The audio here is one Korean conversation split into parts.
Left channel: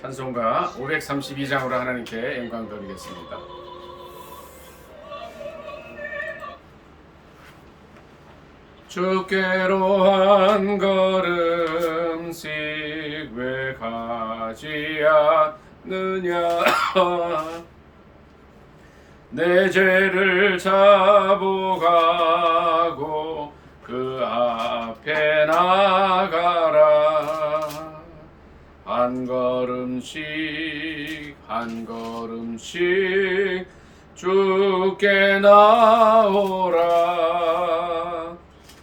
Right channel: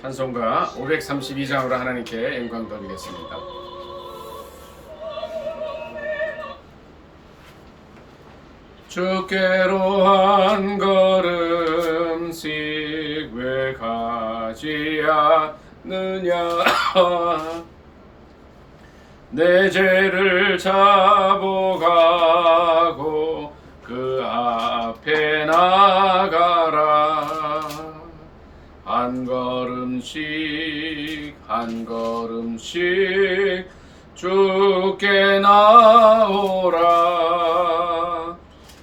찬송가 532장으로 하나님께 영광 돌리겠습니다. 주께로 한 걸음씩 왜 가지 않느냐. 내 죄를 자복하고 그 앞에 나가라. 한 걸음씩 한 걸음씩 주께 나오라.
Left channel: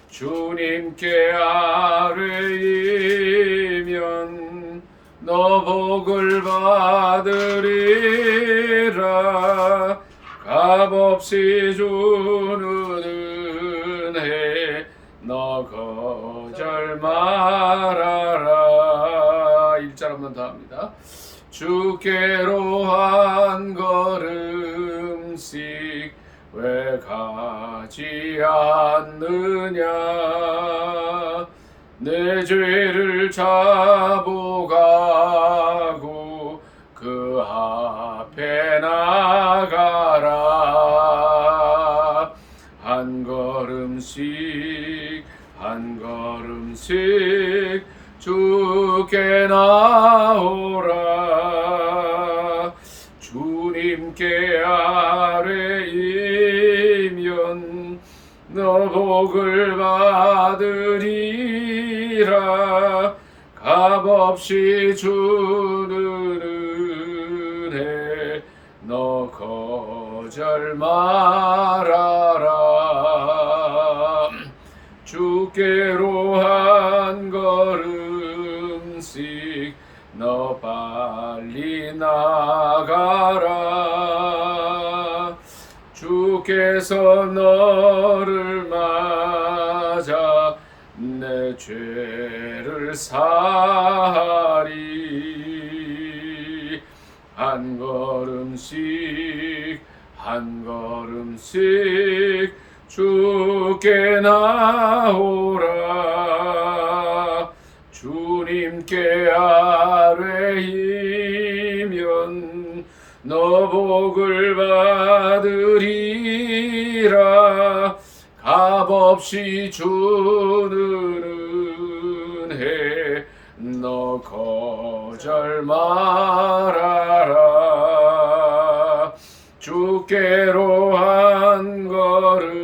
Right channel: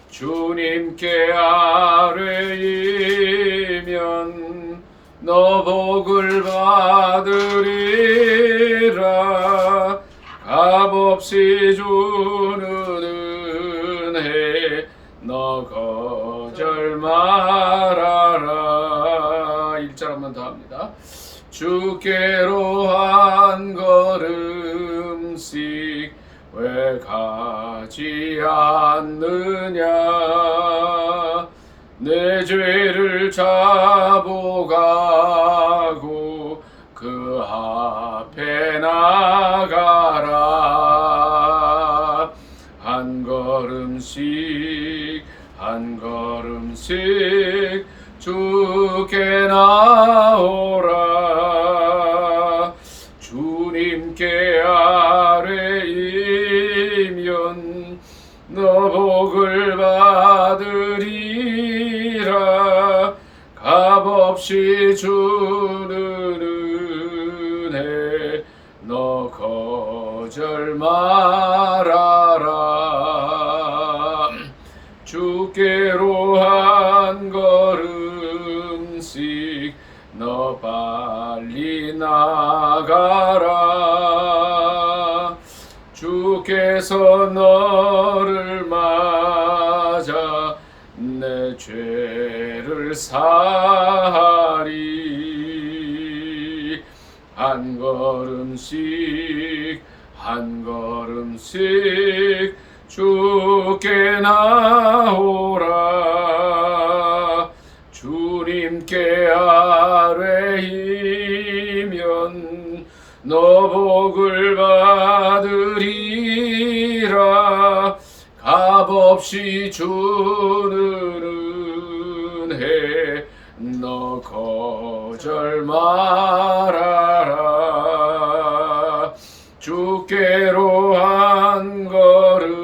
주님께 아뢰이면 너 복을 받으리라. 값없이 주는 은혜 너 거절 말아라. 1절 한번 더 합니다. 주께로 한 걸음씩 왜 가지 않느냐. 내 죄를 자복하고 그 앞에 나가라. 한 걸음씩 한 걸음씩 주께 나오라. 주님께 아뢰이면 너 복을 받으리라. 값없이 주는 은혜 너 거절 말아라. 주께로 한 걸음씩 너 빨리 나가라. 주께서 너를 맞아 내 죄를 사하리. 한 걸음씩 한 걸음씩 주께 나오라. 주님께 아뢰이면 너 복을 받으리라. 값없이 주는 은혜 너 거절 말아라. 주께로 한 걸음씩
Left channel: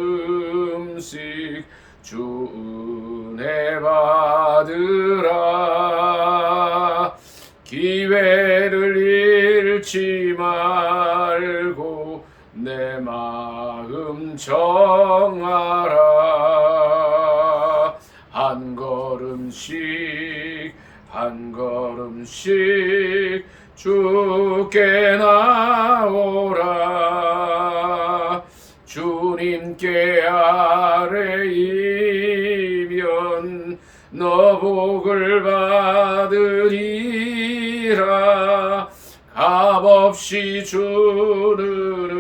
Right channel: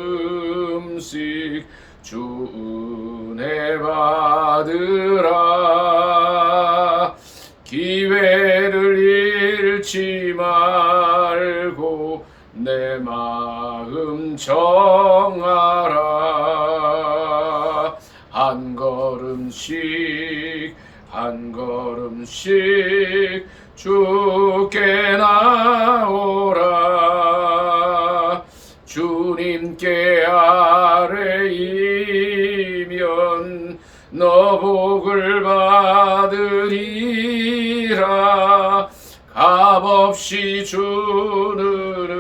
주 은혜 받으라. 기회를 잃지 말고 내 마음 정하라. 한 걸음씩 한 걸음씩 주께 나오라. 주님께 아뢰이면 너 복을 받으리라. 값없이 주는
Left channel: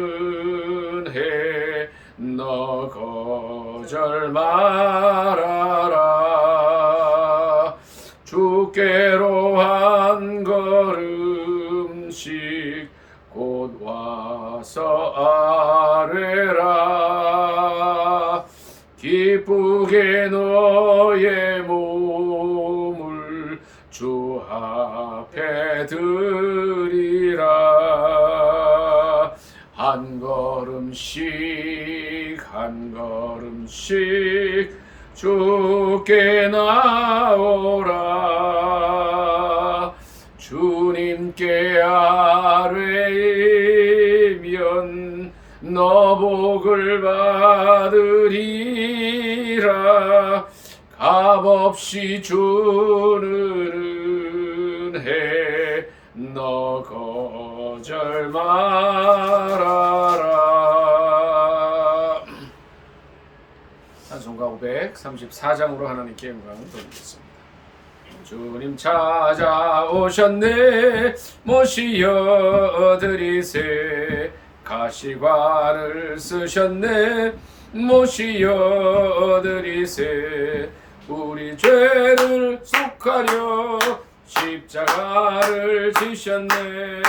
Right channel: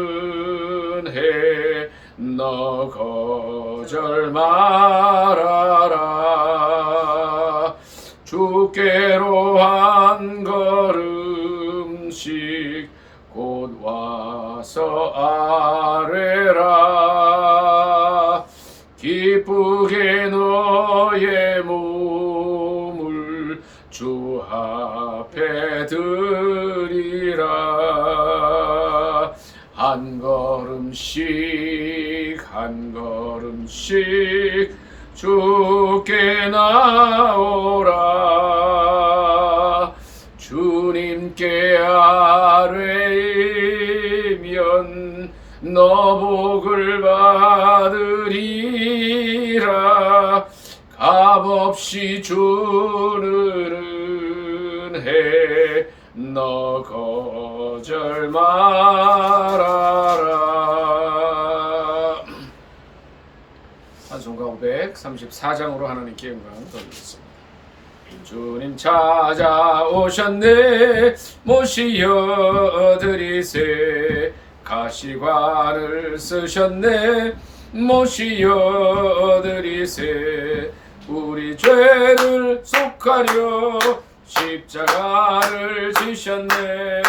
은혜 너 거절 말아라. 주께로 한 걸음씩 곧 와서 아뢰라. 기쁘게 너의 몸을 주 앞에 드리라. 한 걸음씩 한 걸음씩 주께 나오라. 주님께 아뢰이면 너 복을 받으리라. 값없이 주는 은혜 너 거절 말아라. 찬송가 534장으로 하나님께 영광 돌리겠습니다. 주님 찾아오셨네. 모시어 드리세. 가시관을 쓰셨네. 모시어 드리세. 우리 죄를 속하려 십자가를 지셨네.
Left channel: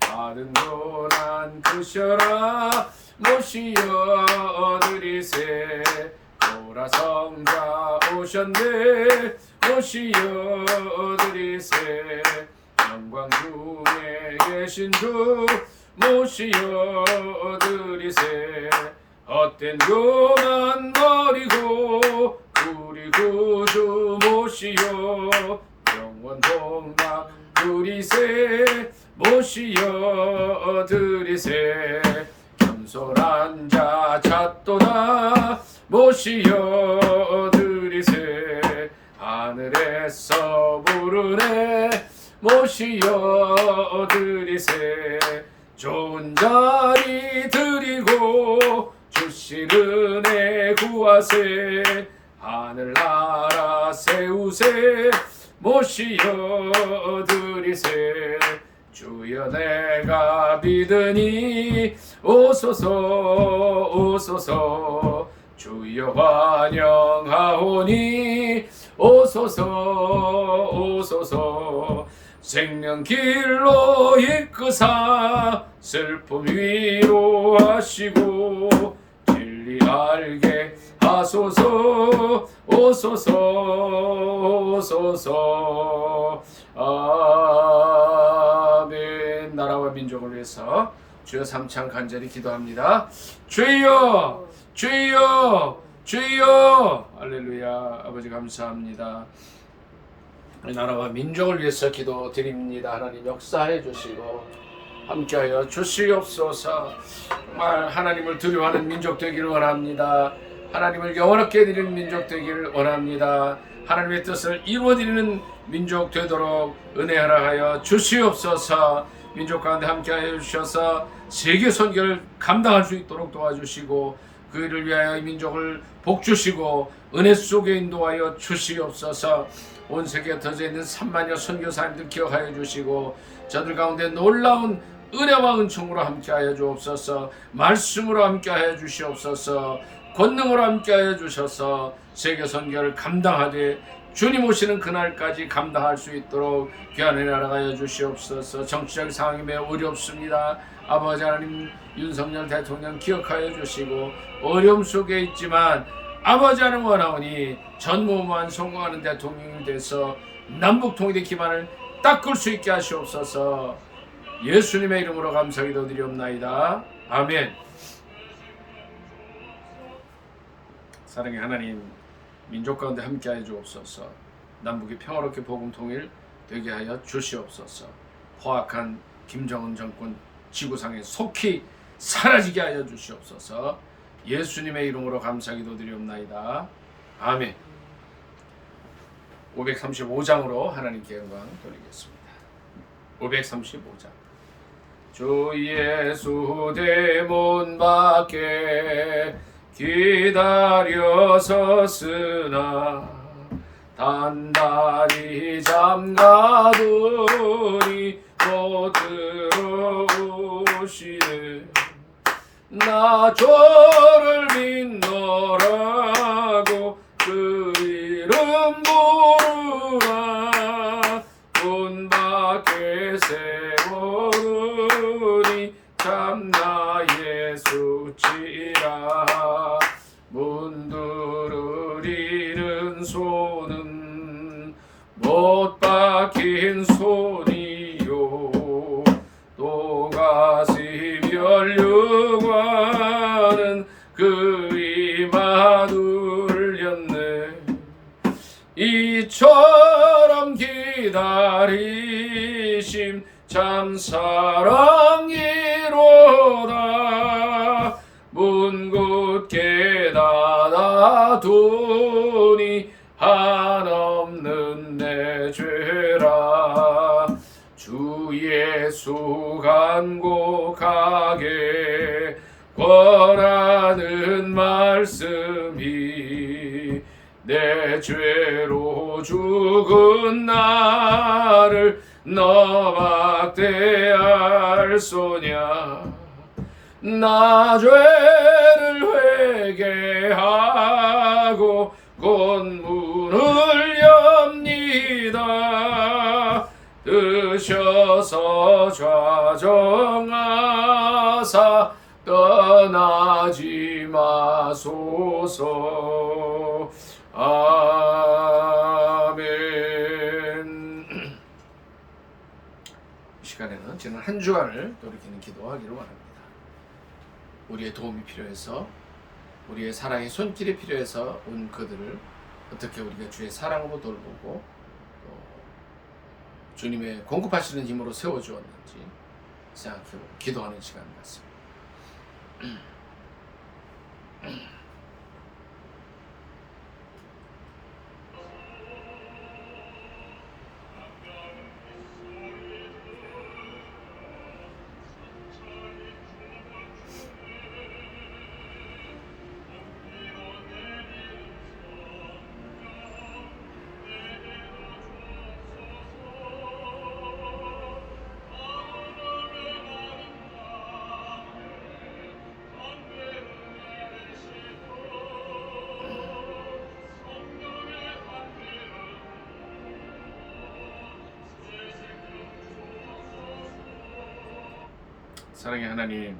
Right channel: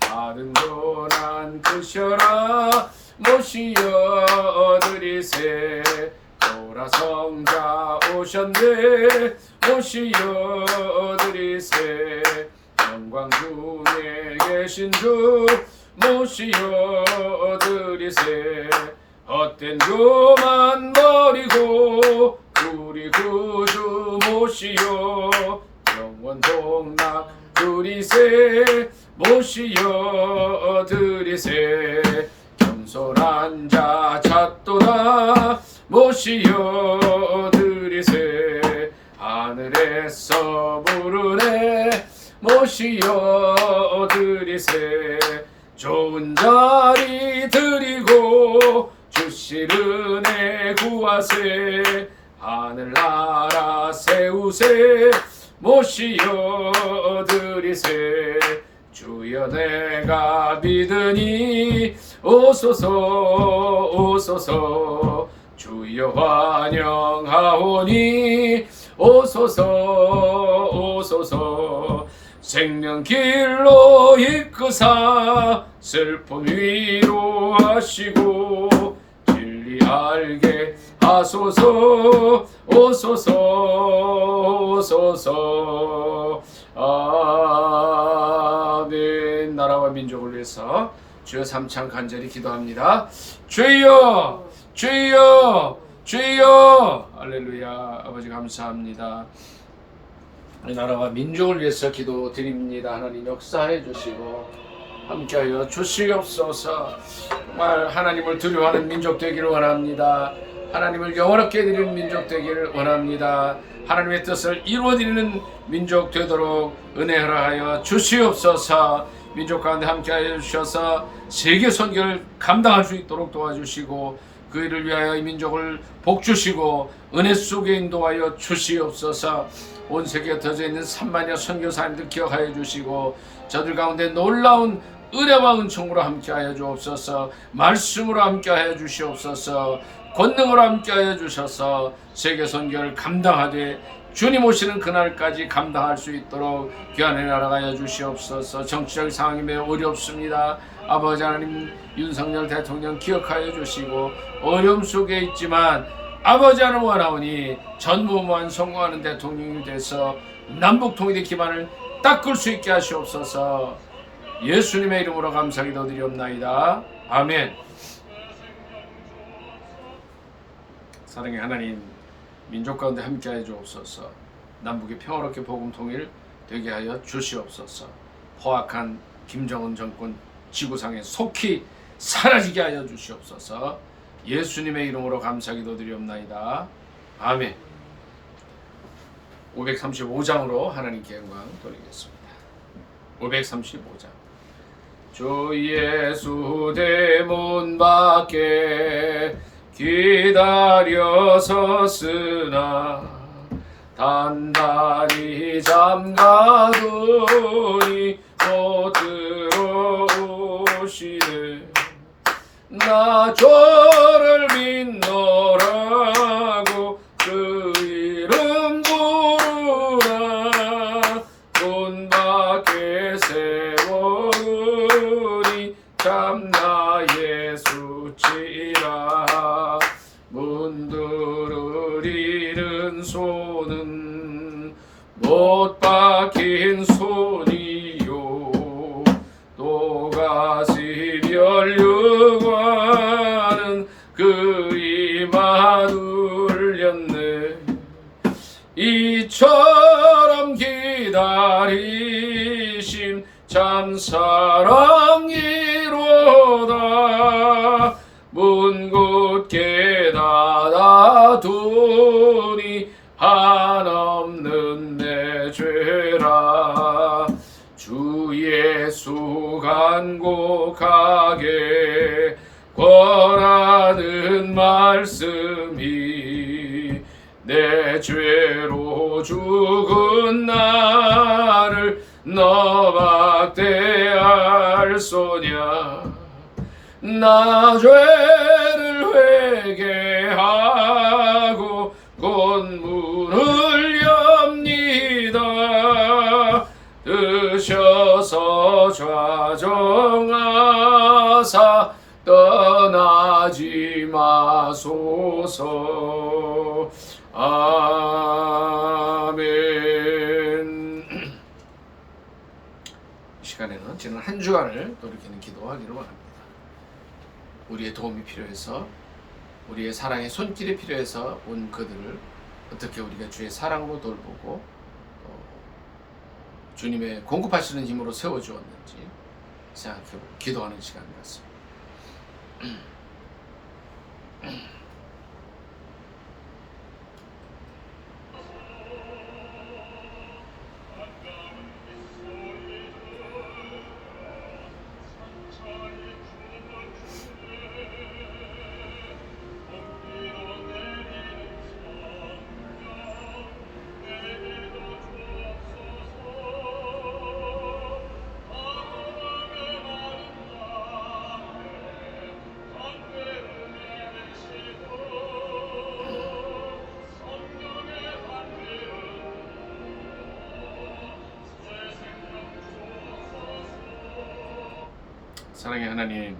받은 고난 크셔라 모시어 드리세. 보라성자 오셨네 모시어 드리세. 영광 중에 계신 주 모시어 드리세. 헛된 교만 버리고 우리 구주 모시어 영원 복락 드리세. 모시어 드리세. 겸손한 자 찾도다 모시어 드리세. 하늘에서 부르네 모시어 드리세. 좋은 자리 드리고 주실 은혜 구하세. 하늘나라 세우세 모시어 드리세. 주여 내가 믿으니 오소서 오소서. 주여 환영하오니 오소서 오소서. 생명길로 이끄사 슬픔 위로하시고 진리 알게 하소서 오소서 오소서. 아멘. 나라와 민족을 위해서 주여 삼창 간절히 기도합니다. 주여 주여 주여. 할렐루야. 아버지 감사합니다. 우리 나라와 민족을 위해서 기도드립니다. 하나님 역사해 주시고 함께하여 주시옵소서. 정말 하나님을 두려워하는 민족 되기를 원합니다. 하나님을 영원하게 드리는 민족 되기를 원합니다. 하나님의 뜻을 이루어드리는 민족 되도록 은혜 허락하여 주시옵소서. 민족 가운데 함께하여 주셔서 세계 선교를 감당할 수 있도록 도와주시고 그 일을 위하여 이 민족을 복주시고 은혜 속에 인도하여 주시옵소서. 온 세계에 터져 있는 3만여 선교사님들 기억하여 주시고 저들 가운데 놀라운 은혜와 은총으로 함께하여 주옵소서. 말씀으로 함께하여 주시옵소서. 권능으로 함께하여 주셔서 세계 선교를 감당하되 주님 오시는 그날까지 감당할 수 있도록 귀한 은혜 허락하여 주시옵소서. 정치적 상황이 매우 어렵습니다. 아버지 하나님 윤석열 대통령 기억하여 주시고 어려움 속에 있지만 아버지 하나님 원하오니 전무후무한 성공하는 대통령이 돼서 남북통일의 기반을 닦을 수 있게 하시옵소서. 예수님의 이름으로 감사기도 드리옵나이다. 아멘. 사랑의 하나님, 민족 가운데 함께하여 주옵소서. 남북이 평화롭게 복음 통일 되게 하여 주시옵소서. 포악한 김정은 정권 지구상에 속히 사라지게 하여 주시옵소서. 예수님의 이름으로 감사기도 드리옵나이다. 아멘. 535장으로 하나님께 영광 돌리겠습니다. 535장. 주 예수 대문 밖에 기다려 섰으나 단단히 잠가두니 못 들어오시네. 나 저를 믿노라고 그 이름 부르나 문 밖에 세워두니 참나 예수치라. 문 두드리는 손은 못 박힌 손이요 또다시 멸류관은 그 이마 눌렸네. 이처럼 기다리심 참 사랑이로다. 문 굳게 닫아두니 한없는 내 죄라. 주 예수 간곡하게 권하는 말씀이 내 죄로 죽은 나를 너밖에 알소냐. 나 죄를 회개하고 곧 문을 엽니다. 떠나지 마소서. 아멘. 이 시간에는 지난 한 주간을 돌이키는 기도하기를 원합니다. 우리의 도움이 필요해서, 우리의 사랑의 손길이 필요해서 온 그들을 어떻게 우리가 주의 사랑으로 돌보고 또 주님의 공급하시는 힘으로 세워주었는지 생각해보고 기도하는 시간 같습니다. 사랑의 하나님,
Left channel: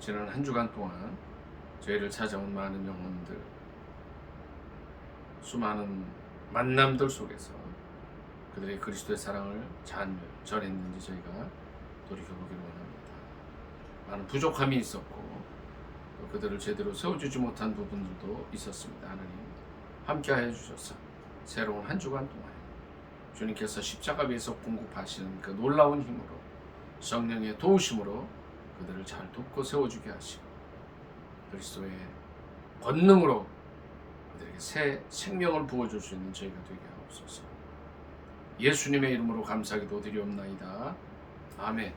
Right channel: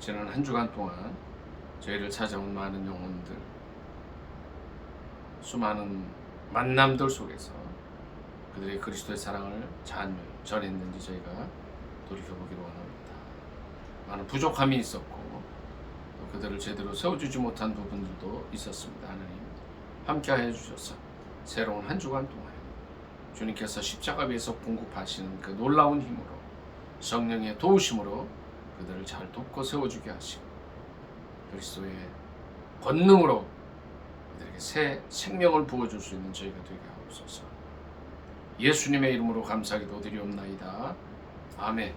지난 한 주간 동안 저희를 찾아온 많은 영혼들, 수많은 만남들 속에서 그들의 그리스도의 사랑을 잘 전했는지 저희가 돌이켜보기를 원합니다. 많은 부족함이 있었고 또 그들을 제대로 세워주지 못한 부분들도 있었습니다. 하나님, 함께하여 주셔서 새로운 한 주간 동안 주님께서 십자가 위에서 공급하시는 그 놀라운 힘으로, 성령의 도우심으로 그들을 잘 돕고 세워주게 하시고 그리스도의 권능으로 그들에게 새 생명을 부어줄 수 있는 저희가 되게 하옵소서. 예수님의 이름으로 감사기도 드리옵나이다. 아멘.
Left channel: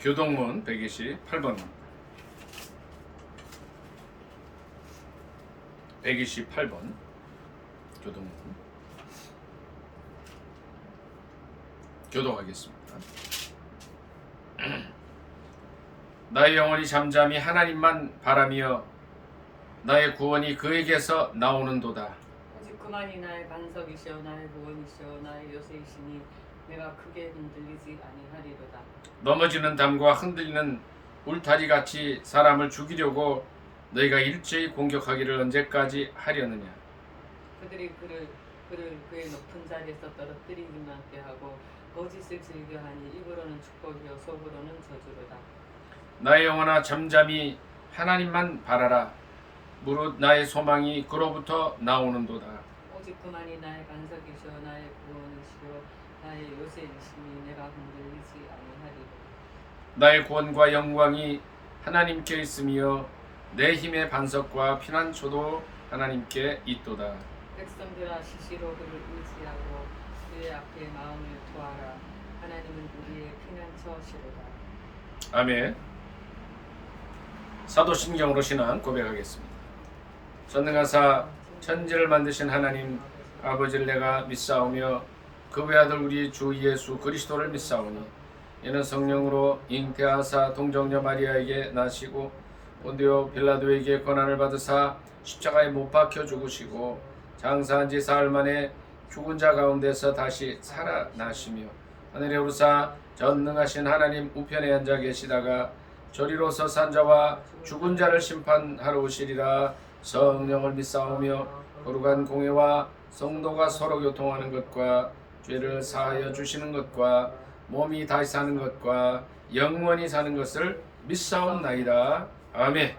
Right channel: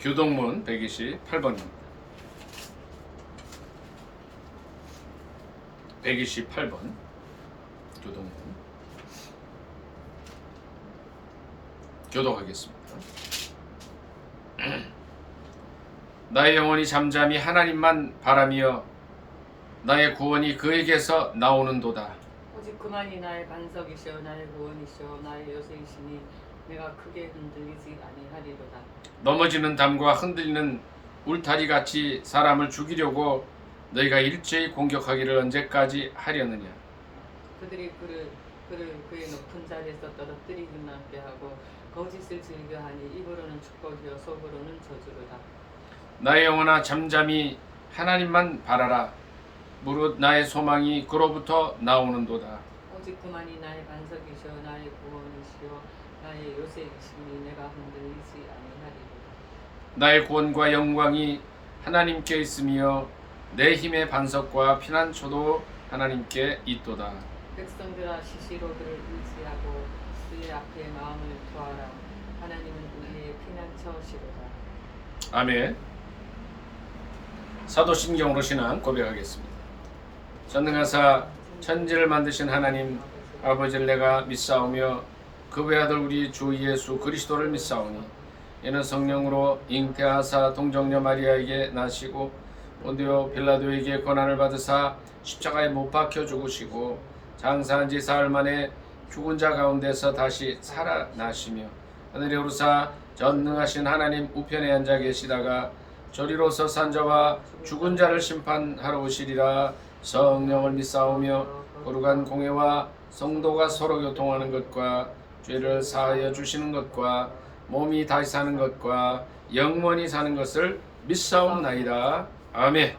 교동문 128번입니다. 128번 교동문 교독하겠습니다. 나의 영혼이 잠잠히 하나님만 바라며 나의 구원이 그에게서 나오는도다. 오직 그만이 나의 반석이시오 나의 구원이시오 나의 요새이시니 내가 크게 흔들리지 아니하리로다. 넘어지는 담과 흔들리는 울타리같이 사람을 죽이려고 너희가 일제히 공격하기를 언제까지 하려느냐. 그들이 그를 그의 높은 자리에서 떨어뜨리기만 하게 하고 거짓을 즐겨하니 입으로는 축복이요 속으로는 저주로다. 나의 영혼아 잠잠히 하나님만 바라라. 무릇 나의 소망이 그로부터 나오는도다. 오직 그만이 나의 반석이시오 나의 구원이시오 나의 요새이시니 내가 흔들리지 아니하리로다. 나의 구원과 영광이 하나님께 있으며 내 힘의 반석과 피난처도 하나님께 있도다. 백성들아 시시로 그를 의지하고 그의 앞에 마음을 투하라. 하나님은 우리의 피난처시로다. 아멘. 사도신경으로 신앙 고백하겠습니다. 전능하사 천지를 만드신 하나님 아버지를 내가 믿사오며 그 외아들 우리 주 예수 그리스도를 믿사오니 이는 성령으로 잉태하사 동정녀 마리아에게 나시고 본디오 빌라도에게 고난을 받으사 십자가에 못 박혀 죽으시고 장사한 지 사흘 만에 죽은 자 가운데서 다시 살아나시며 하늘에 오르사 전능하신 하나님 우편에 앉아 계시다가 저리로서 산 자와 죽은 자를 심판하러 오시리라. 성령을 믿사오며 거룩한 공회와 성도가 서로 교통하는 것과 죄를 사하여 주시는 것과 몸이 다시 사는 것과 영원히 사는 것을 믿사옵나이다. 아멘.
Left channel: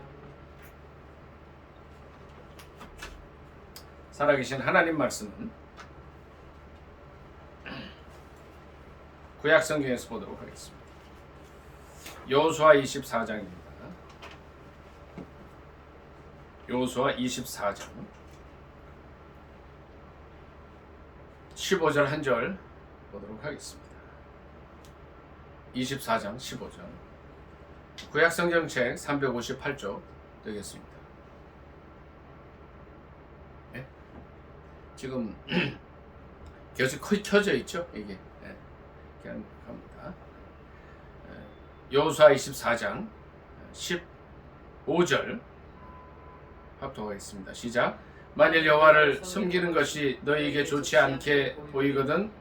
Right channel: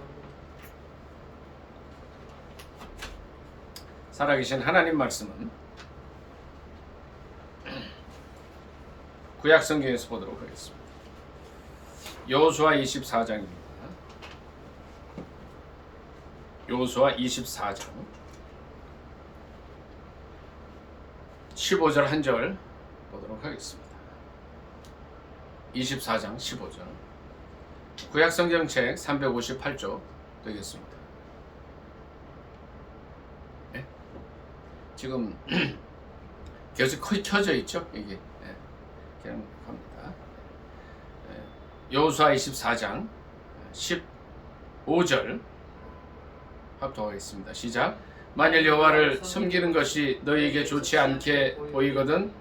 살아계신 하나님 말씀은 구약 성경에서 보도록 하겠습니다. 여호수아 24장입니다. 여호수아 24장 15절 한 절 보도록 하겠습니다. 24장 15절 구약 성경책 358조 되겠습니다. 네? 지금 계속 켜져 있죠? 이게 네. 그냥 갑니다. 여호수아 24장 15절 합독하겠습니다. 시작. 만일 여호와를 섬기는 것이 너희에게 좋지 않게 보이거든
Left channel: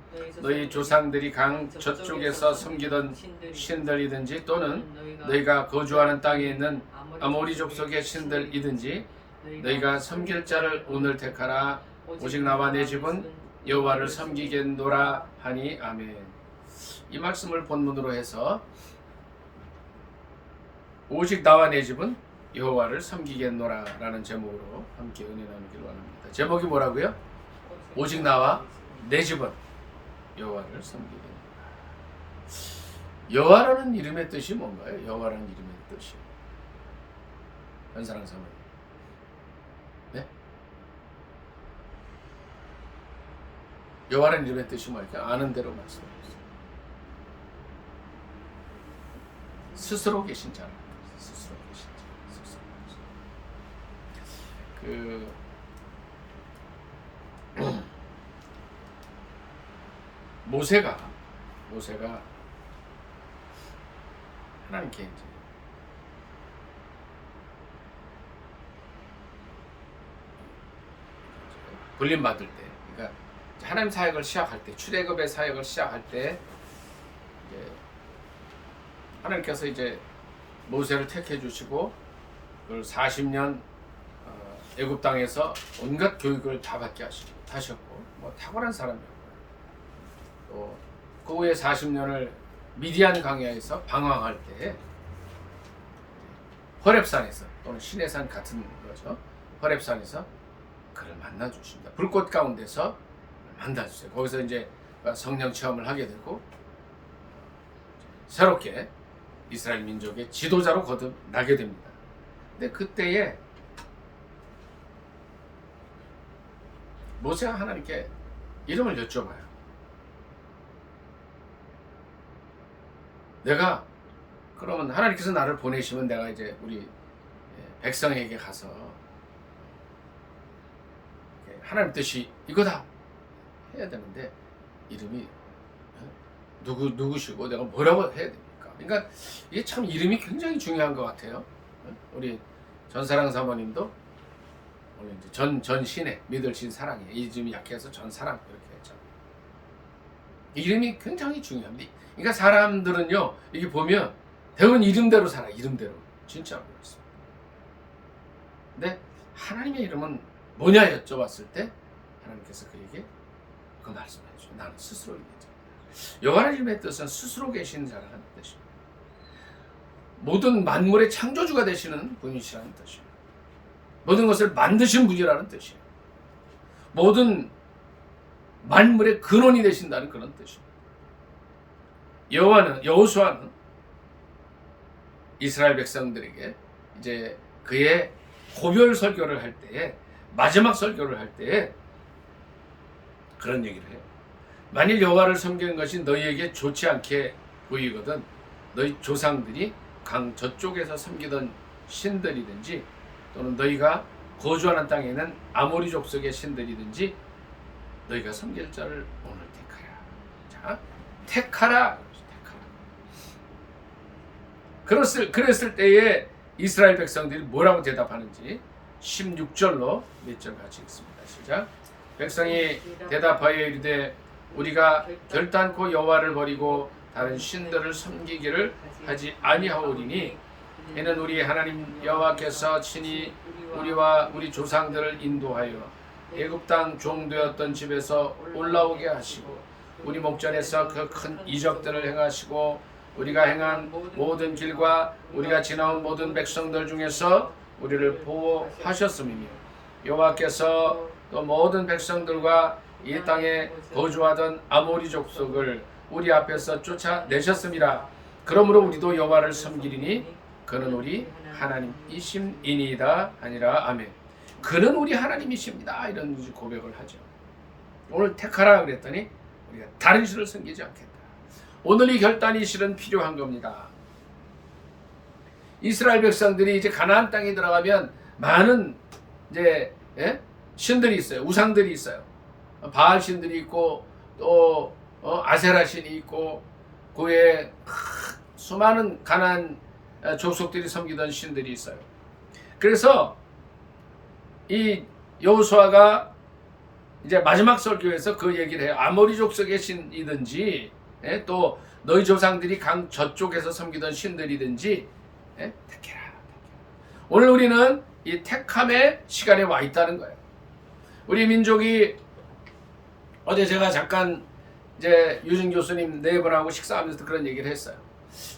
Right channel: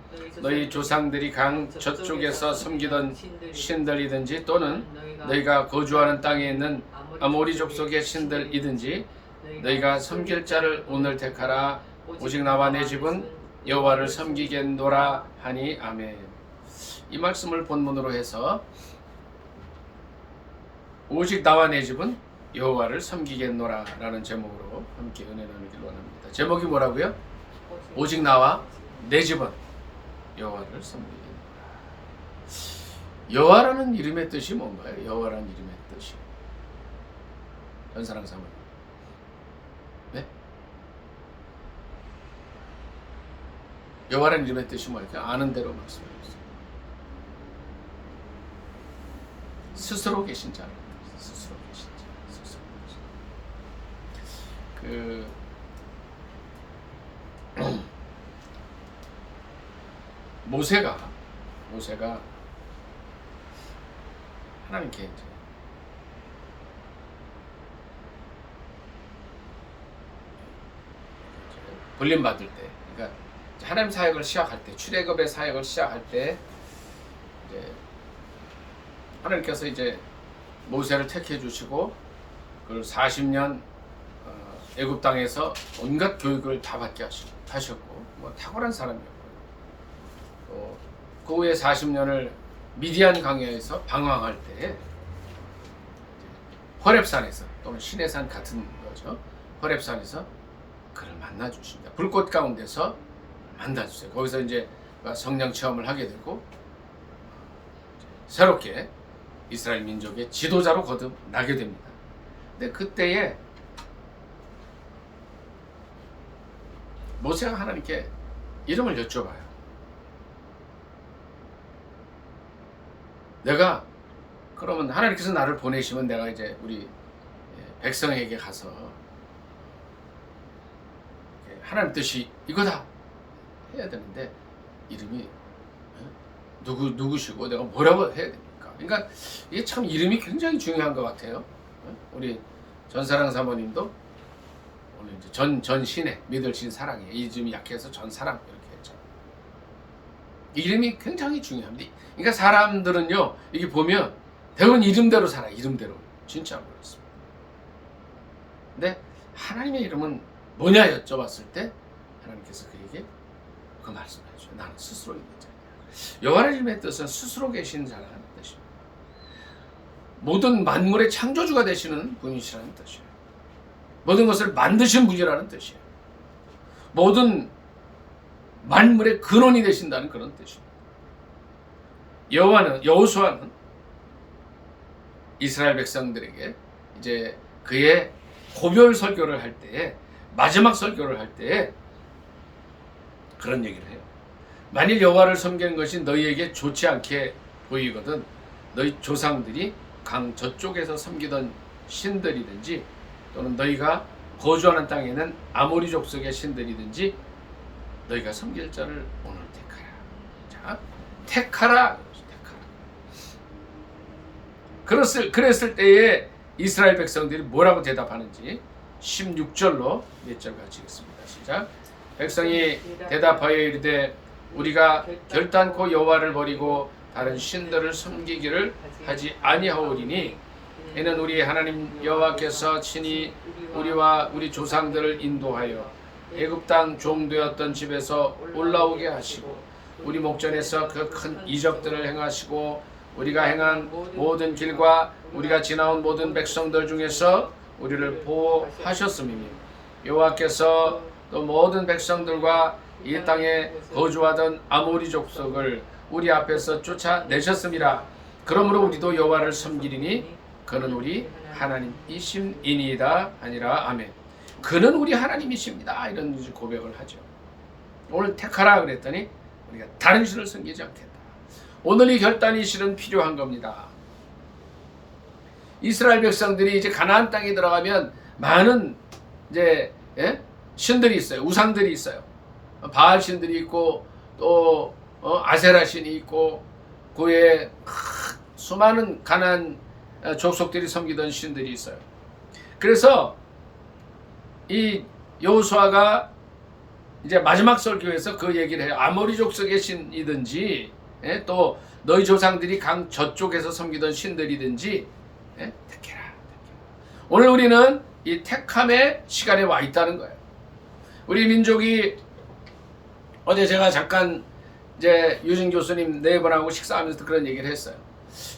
너희 조상들이 강 저쪽에서 섬기던 신들이든지 또는 너희가 거주하는 땅에 있는 아모리 족속의 신들이든지 너희가 섬길 자를 오늘 택하라. 오직 나와 내 집은 여호와를 섬기겠노라 하니 아멘. 이 말씀을 본문으로 해서 오직 나와 내 집은 여호와를 섬기겠노라 라는 제목으로 함께 은혜 나누기를 원합니다. 제목이 뭐라고요? 오직 나와 내 집은 여호와를 섬기겠노라. 여호와라는 이름의 뜻이 뭔가요? 여호와라는 이름의 뜻이 전사랑 사모님. 네? 여호와라는 이름의 뜻이 뭘까요? 아는 대로 말씀해주세요. 스스로 계신 자라. 스스로 계신 자. 스스로 계신 자. 모세가 하나님께 이제 불림 받을 때, 그러니까 하나님 사역을 시작할 때, 출애굽의 사역을 시작할 때, 이제 하나님께서 이제 모세를 택해 주시고, 그걸 40년 애굽 땅에서 온갖 교육을 다 받게 하셨고, 뭐 탁월한 사람이었고요. 또 그 후에 40년을 미디안 광야에서 방황할 때, 호렙산에서 또는 시내산 같은 거죠. 호렙산에서 그를 만나 주십니다. 불꽃 가운데서 만나 주세요. 거기서 이제 성령 체험을 하게 되고 새롭게 이스라엘 민족의 지도자로 거듭나게 됩니다. 근데 그때에 모세가 하나님께 이름을 여쭤봐요. 내가 그러면 하나님께서 나를 보내시면 내가 이제 우리 백성에게 가서 하나님 뜻이 이거다 해야 되는데 이름이 누구시고 내가 뭐라고 해야 됩니까? 그러니까 이게 참 이름이 굉장히 중요한 것 같아요. 우리 전사랑 사모님도 오늘 이제 전신의 믿을 신 사랑에 이름이 약해서 전사랑 이렇게 했잖아요. 이름이 굉장히 중요합니다. 그러니까 사람들은요 이게 보면 대부분 이름대로 살아. 이름대로 진짜로 그렇습니다. 근데 하나님의 이름은 뭐냐 여쭤봤을 때 하나님께서 그에게 그 말씀을 해줘요. 나는 스스로 있는 자냐. 여호와의 이름의 뜻은 스스로 계신 자라는 뜻입니다. 모든 만물의 창조주가 되시는 분이시라는 뜻이에요. 모든 것을 만드신 분이라는 뜻이에요. 모든 만물의 근원이 되신다는 그런 뜻입니다. 여호수아는 이스라엘 백성들에게 이제 그의 고별 설교를 할 때에 마지막 설교를 할 때에 그런 얘기를 해요. 만일 여호와를 섬기는 것이 너희에게 좋지 않게 보이거든 너희 조상들이 강 저쪽에서 섬기던 신들이든지 또는 너희가 거주하는 땅에는 아모리 족속의 신들이든지 너희가 섬길 자를 오늘 택하라. 자, 택하라. 그랬을 때에 이스라엘 백성들이 뭐라고 대답하는지 16절로 몇 절 같이 읽습니다. 시작. 백성이 대답하여 이르되 우리가 결단코 여호와를 버리고 다른 신들을 섬기기를 하지 아니하오리니 이는 우리 하나님 여호와께서 친히 우리와 우리 조상들을 인도하여 애굽 땅 종되었던 집에서 올라오게 하시고 우리 목전에서 그 큰 이적들을 행하시고 우리가 행한 모든 길과 우리가 지나온 모든 백성들 중에서 우리를 보호하셨음이며 여호와께서 또 모든 백성들과 이 땅에 거주하던 아모리 족속을 우리 앞에서 쫓아내셨음이라. 그러므로 우리도 여호와를 섬기리니 그는 우리 하나님이심이니이다 하니라. 아멘. 그는 우리 하나님이십니다. 이런 고백을 하죠. 오늘 택하라 그랬더니 우리가 다른 신을 섬기지 않겠다. 오늘 이 결단이 실은 필요한 겁니다. 이스라엘 백성들이 이제 가나안 땅에 들어가면 많은 이제 신들이 있어요. 우상들이 있어요. 바알 신들이 있고 또 아세라 신이 있고 그에 수많은 가나안 족속들이 섬기던 신들이 있어요. 그래서 이 여호수아가 이제 마지막 설교에서 그 얘기를 해요. 아모리 족속의 신이든지 또 너희 조상들이 강 저쪽에서 섬기던 신들이든지 택해라. 오늘 우리는 이 택함의 시간에 와 있다는 거예요. 우리 민족이 어제 제가 잠깐 이제 유진 교수님 네 분하고 식사하면서 그런 얘기를 했어요.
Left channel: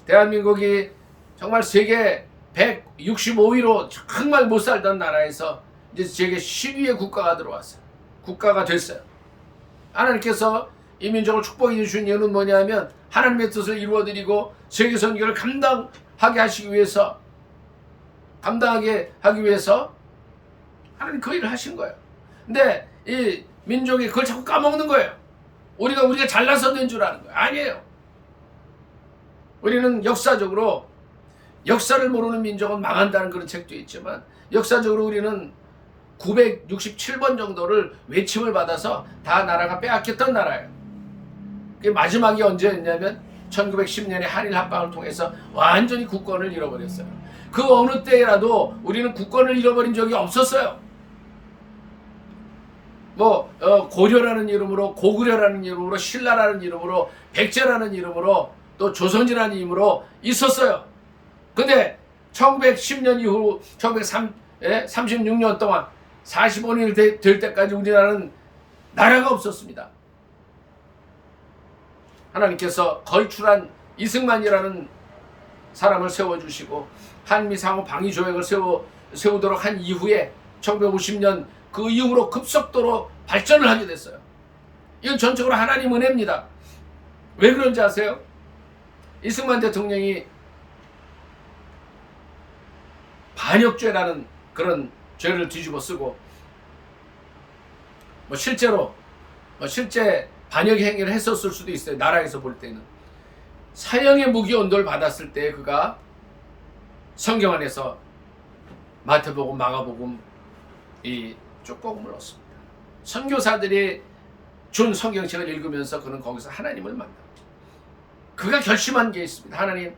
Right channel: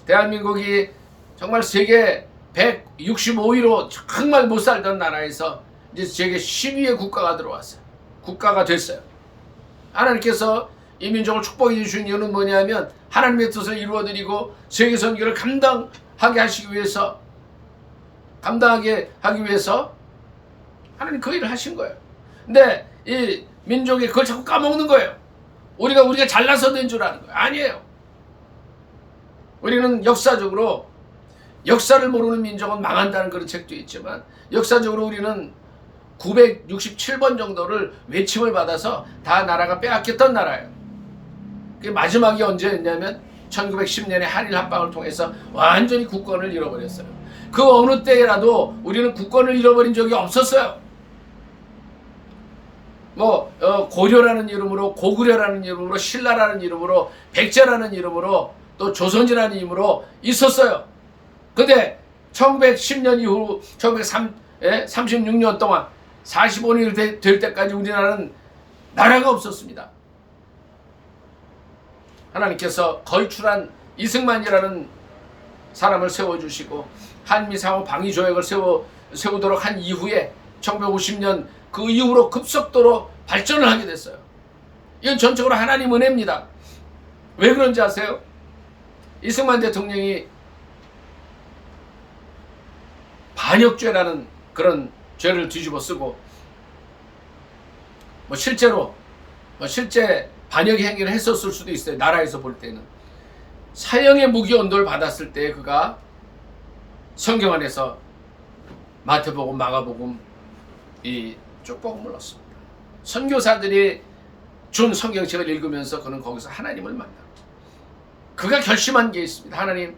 대한민국이 정말 세계 165위로 정말 못 살던 나라에서 이제 세계 10위의 국가가 들어왔어요. 국가가 됐어요. 하나님께서 이 민족을 축복해 주신 이유는 뭐냐면 하나님의 뜻을 이루어드리고 세계 선교를 감당하게 하기 위해서 하나님 그 일을 하신 거예요. 근데 이 민족이 그걸 자꾸 까먹는 거예요. 우리가 잘나서 된 줄 아는 거예요. 아니에요. 우리는 역사적으로 역사를 모르는 민족은 망한다는 그런 책도 있지만 역사적으로 우리는 967번 정도를 외침을 받아서 다 나라가 빼앗겼던 나라예요. 그게 마지막이 언제였냐면 1910년에 한일 합방을 통해서 완전히 국권을 잃어버렸어요. 그 어느 때라도 우리는 국권을 잃어버린 적이 없었어요. 고려라는 이름으로, 고구려라는 이름으로, 신라라는 이름으로, 백제라는 이름으로, 또 조선이라는 이름으로 있었어요. 근데 1910년 이후 36년 동안 45년이 될 때까지 우리나라는 나라가 없었습니다. 하나님께서 걸출한 이승만이라는 사람을 세워주시고 한미상호 방위조약을 세우도록 한 이후에 1950년 그 이후로 급속도로 발전을 하게 됐어요. 이건 전적으로 하나님 은혜입니다. 왜 그런지 아세요? 이승만 대통령이 반역죄라는 그런 죄를 뒤집어 쓰고 실제 반역의 행위를 했었을 수도 있어요. 나라에서 볼 때는. 사형의 무기 언도를 받았을 때 그가 성경 안에서 마태복음, 마가복음 이 쪽복음을 넣습니다. 선교사들이 준 성경책을 읽으면서 그는 거기서 하나님을 만나고 그가 결심한 게 있습니다. 하나님,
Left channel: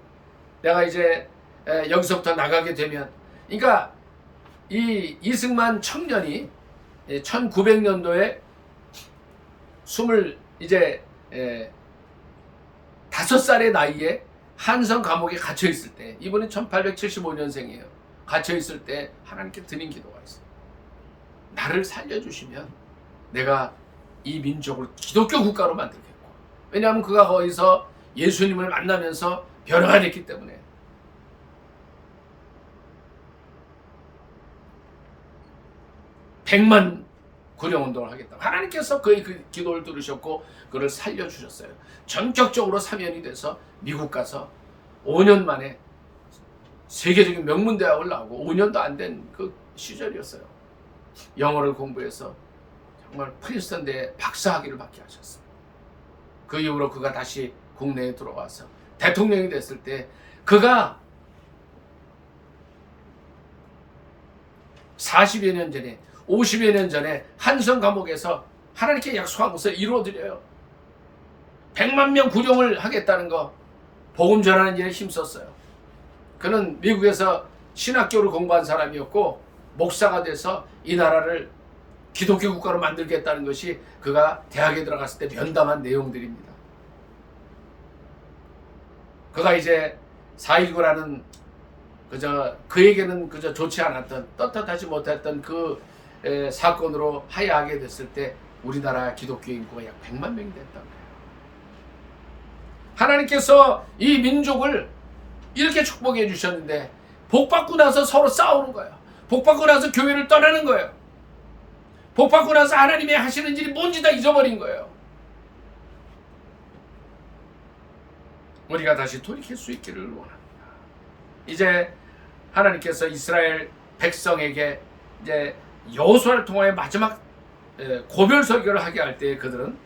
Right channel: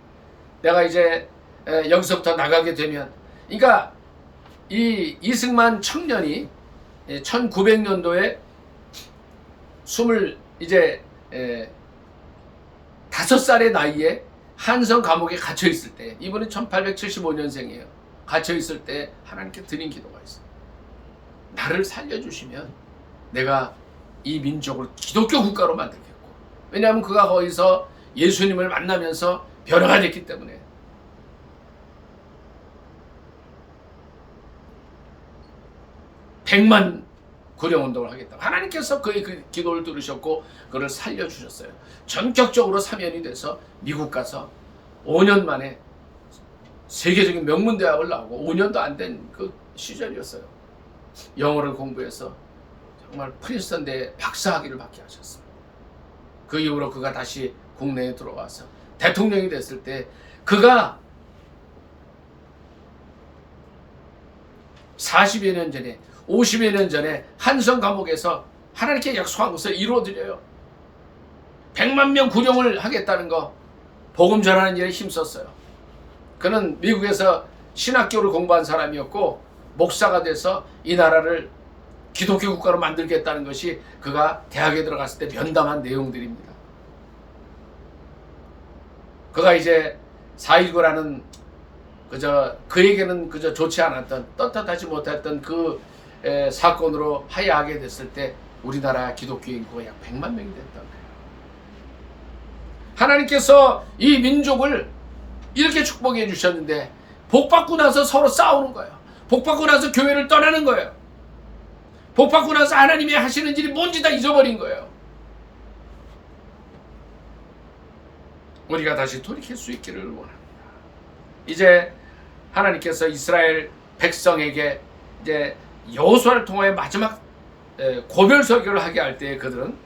내가 이제 여기서부터 나가게 되면, 그러니까 이 이승만 청년이 1900년도에 5살의 나이에 한성 감옥에 갇혀 있을 때, 이분은 1875년생이에요. 갇혀 있을 때 하나님께 드린 기도가 있어요. 나를 살려주시면 내가 이 민족을 기독교 국가로 만들겠고, 왜냐하면 그가 거기서 예수님을 만나면서 변화가 됐기 때문에. 백만 구령운동을 하겠다. 하나님께서 그의 그 기도를 들으셨고 그를 살려주셨어요. 전격적으로 사면이 돼서 미국 가서 5년 만에 세계적인 명문대학을 나오고 5년도 안 된 그 시절이었어요. 영어를 공부해서 정말 프린스턴대 박사학위를 받게 하셨습니다. 그 이후로 그가 다시 국내에 들어와서 대통령이 됐을 때 그가 40여 년 전에 50여 년 전에 한성 감옥에서 하나님께 약속한 것을 이루어드려요. 100만 명 구령을 하겠다는 거, 복음 전하는 일에 힘썼어요. 그는 미국에서 신학교를 공부한 사람이었고 목사가 돼서 이 나라를 기독교 국가로 만들겠다는 것이 그가 대학에 들어갔을 때 면담한 내용들입니다. 그가 이제 4.19라는 그에게는 그저 좋지 않았던, 떳떳하지 못했던 그 사건으로 하야하게 됐을 때 우리나라 기독교 인구가 약 100만 명이 됐던 거예요. 하나님께서 이 민족을 이렇게 축복해 주셨는데 복받고 나서 서로 싸우는 거예요. 복받고 나서 교회를 떠나는 거예요. 복받고 나서 하나님이 하시는 일이 뭔지 다 잊어버린 거예요. 우리가 다시 돌이킬 수 있기를 원합니다. 이제 하나님께서 이스라엘 백성에게 이제 여호수아를 통하여 마지막 고별 설교를 하게 할 때 그들은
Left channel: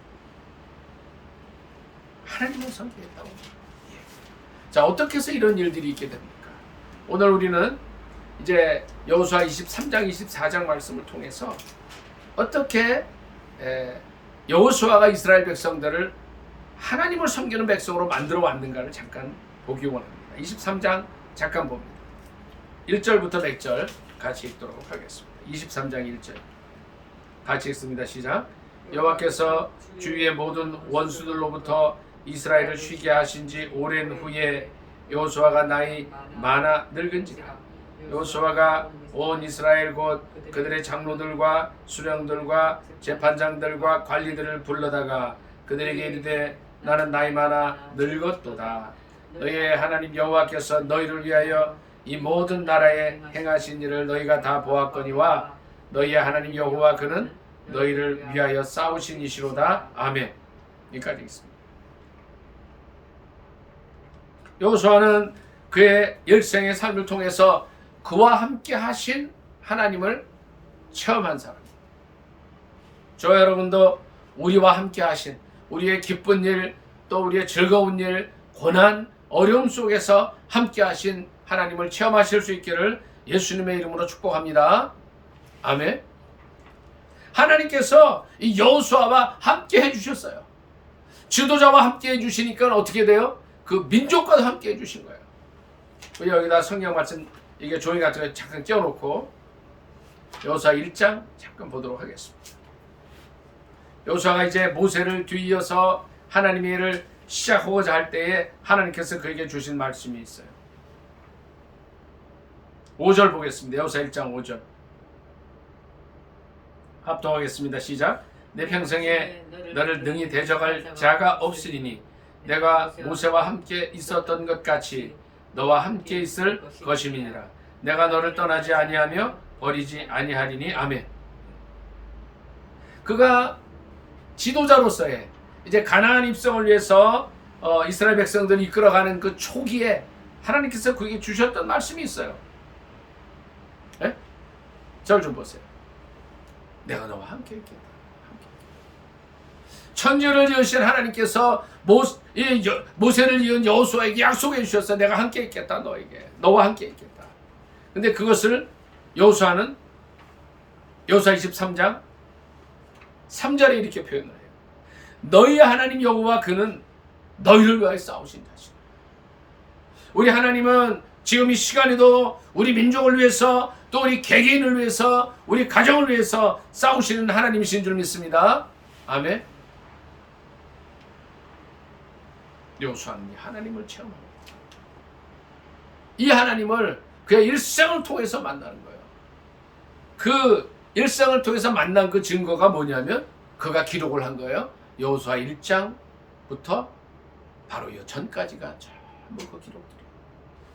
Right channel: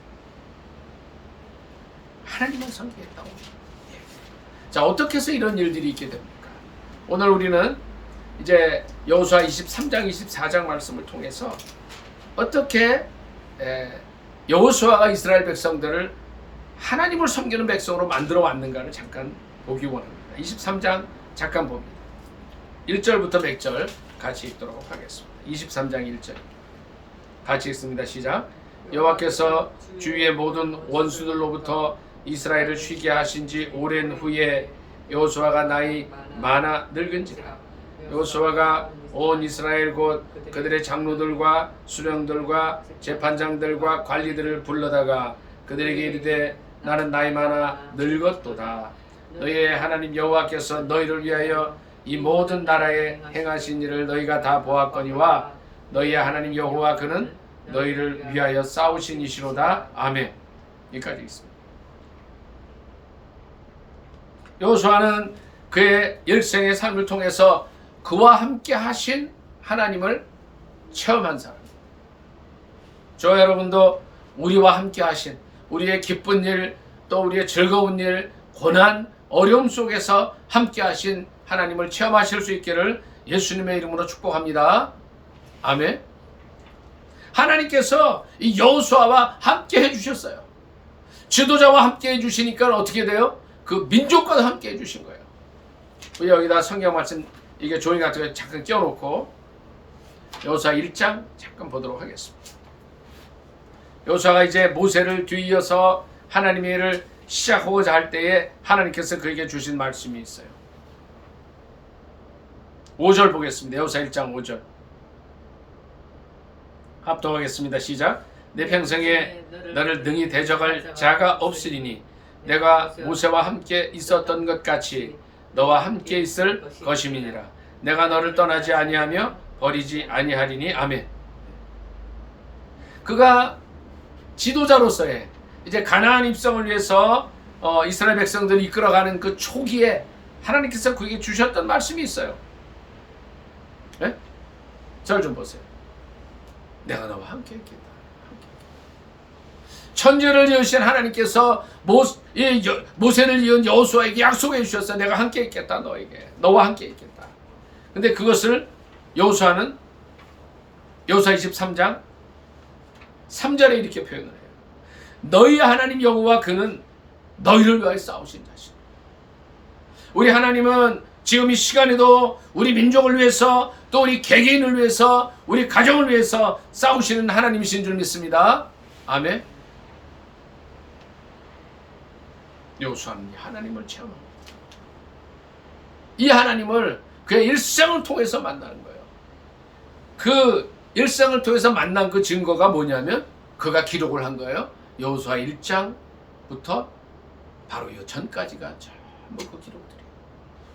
하나님을 섬기겠다고. 자, 어떻게 해서 이런 일들이 있게 됩니까? 오늘 우리는 이제 여호수아 23장 24장 말씀을 통해서 어떻게 여호수아가 이스라엘 백성들을 하나님을 섬기는 백성으로 만들어 왔는가를 잠깐 보기 원합니다. 23장 잠깐 봅니다. 1절부터 몇 절 같이 읽도록 하겠습니다. 23장 1절. 같이 읽습니다. 시작. 여호와께서 주위의 모든 원수들로부터 이스라엘을 쉬게 하신 지 오랜 후에 여호수아가 나이 많아 늙은지라. 여호수아가 온 이스라엘 곧 그들의 장로들과 수령들과 재판장들과 관리들을 불러다가 그들에게 이르되 나는 나이 많아 늙었도다. 너희의 하나님 여호와께서 너희를 위하여 이 모든 나라에 행하신 일을 너희가 다 보았거니와 너희의 하나님 여호와 그는 너희를 위하여 싸우신 이시로다. 아멘. 여기까지 있습니다. 여호수아는 그의 일생의 삶을 통해서 그와 함께 하신 하나님을 체험한 사람입니다. 저 여러분도 우리와 함께 하신 우리의 기쁜 일, 또 우리의 즐거운 일, 고난, 어려움 속에서 함께 하신 하나님을 체험하실 수 있기를 예수님의 이름으로 축복합니다. 아멘. 하나님께서 이 여호수아와 함께 해주셨어요. 지도자와 함께 해주시니까 어떻게 돼요? 그 민족과도 함께 해주신 거예요. 우리 여기다 성경 말씀 이게 종이 같은 거 잠깐 껴놓고 여호수아 1장 잠깐 보도록 하겠습니다. 여호수아가 이제 모세를 뒤이어서 하나님의 일을 시작하고자 할 때에 하나님께서 그에게 주신 말씀이 있어요. 5절 보겠습니다. 여호수아 1장 5절 합독하겠습니다. 시작. 내 평생에 너를 능히 대적할 자가 없으리니 내가 모세와 함께 있었던 것 같이 너와 함께 있을 것임이니라. 내가 너를 떠나지 아니하며 버리지 아니하리니. 아멘. 그가 지도자로서의 이제 가나안 입성을 위해서 이스라엘 백성들을 이끌어가는 그 초기에 하나님께서 그에게 주셨던 말씀이 있어요. 네? 저를 좀 보세요. 내가 너와 함께 있겠다. 천지를 지으신 하나님께서 모세를 이은 여호수아에게 약속해 주셨어. 내가 함께 있겠다. 너와 함께 있겠다. 근데 그것을 여호수아는 여호수아 23장 3절에 이렇게 표현을 해요. 너희의 하나님 여호와 그는 너희를 위하여 싸우신 자시라. 우리 하나님은 지금 이 시간에도 우리 민족을 위해서 또 우리 개개인을 위해서 우리 가정을 위해서 싸우시는 하나님이신 줄 믿습니다. 아멘. 여호수아는 하나님을 체험합니다. 이 하나님을 그의 일생을 통해서 만나는 거예요. 그 일생을 통해서 만난 그 증거가 뭐냐면 그가 기록을 한 거예요. 여호수아 1장부터 바로 이 전까지가 전부 그 기록들이에요.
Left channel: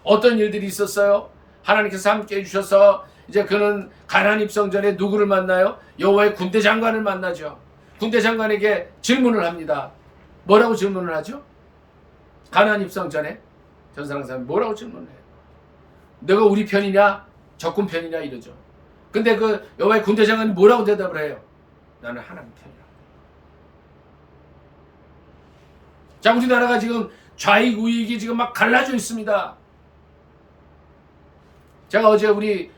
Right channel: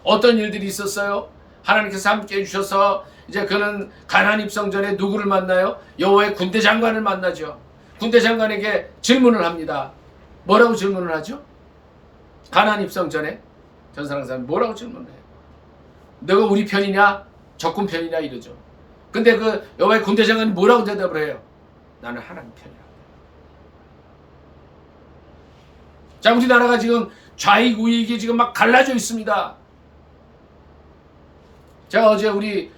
어떤 일들이 있었어요? 하나님께서 함께 해주셔서 이제 그는 가나안 입성 전에 누구를 만나요? 여호와의 군대 장관을 만나죠. 군대 장관에게 질문을 합니다. 뭐라고 질문을 하죠? 가나안 입성 전에 전사랑 사람이 뭐라고 질문을 해요? 너가 우리 편이냐? 적군 편이냐? 이러죠. 근데 그 여호와의 군대 장관이 뭐라고 대답을 해요? 나는 하나님 편이라고. 자, 우리나라가 지금 좌익 우익이 지금 막 갈라져 있습니다. 제가 어제 우리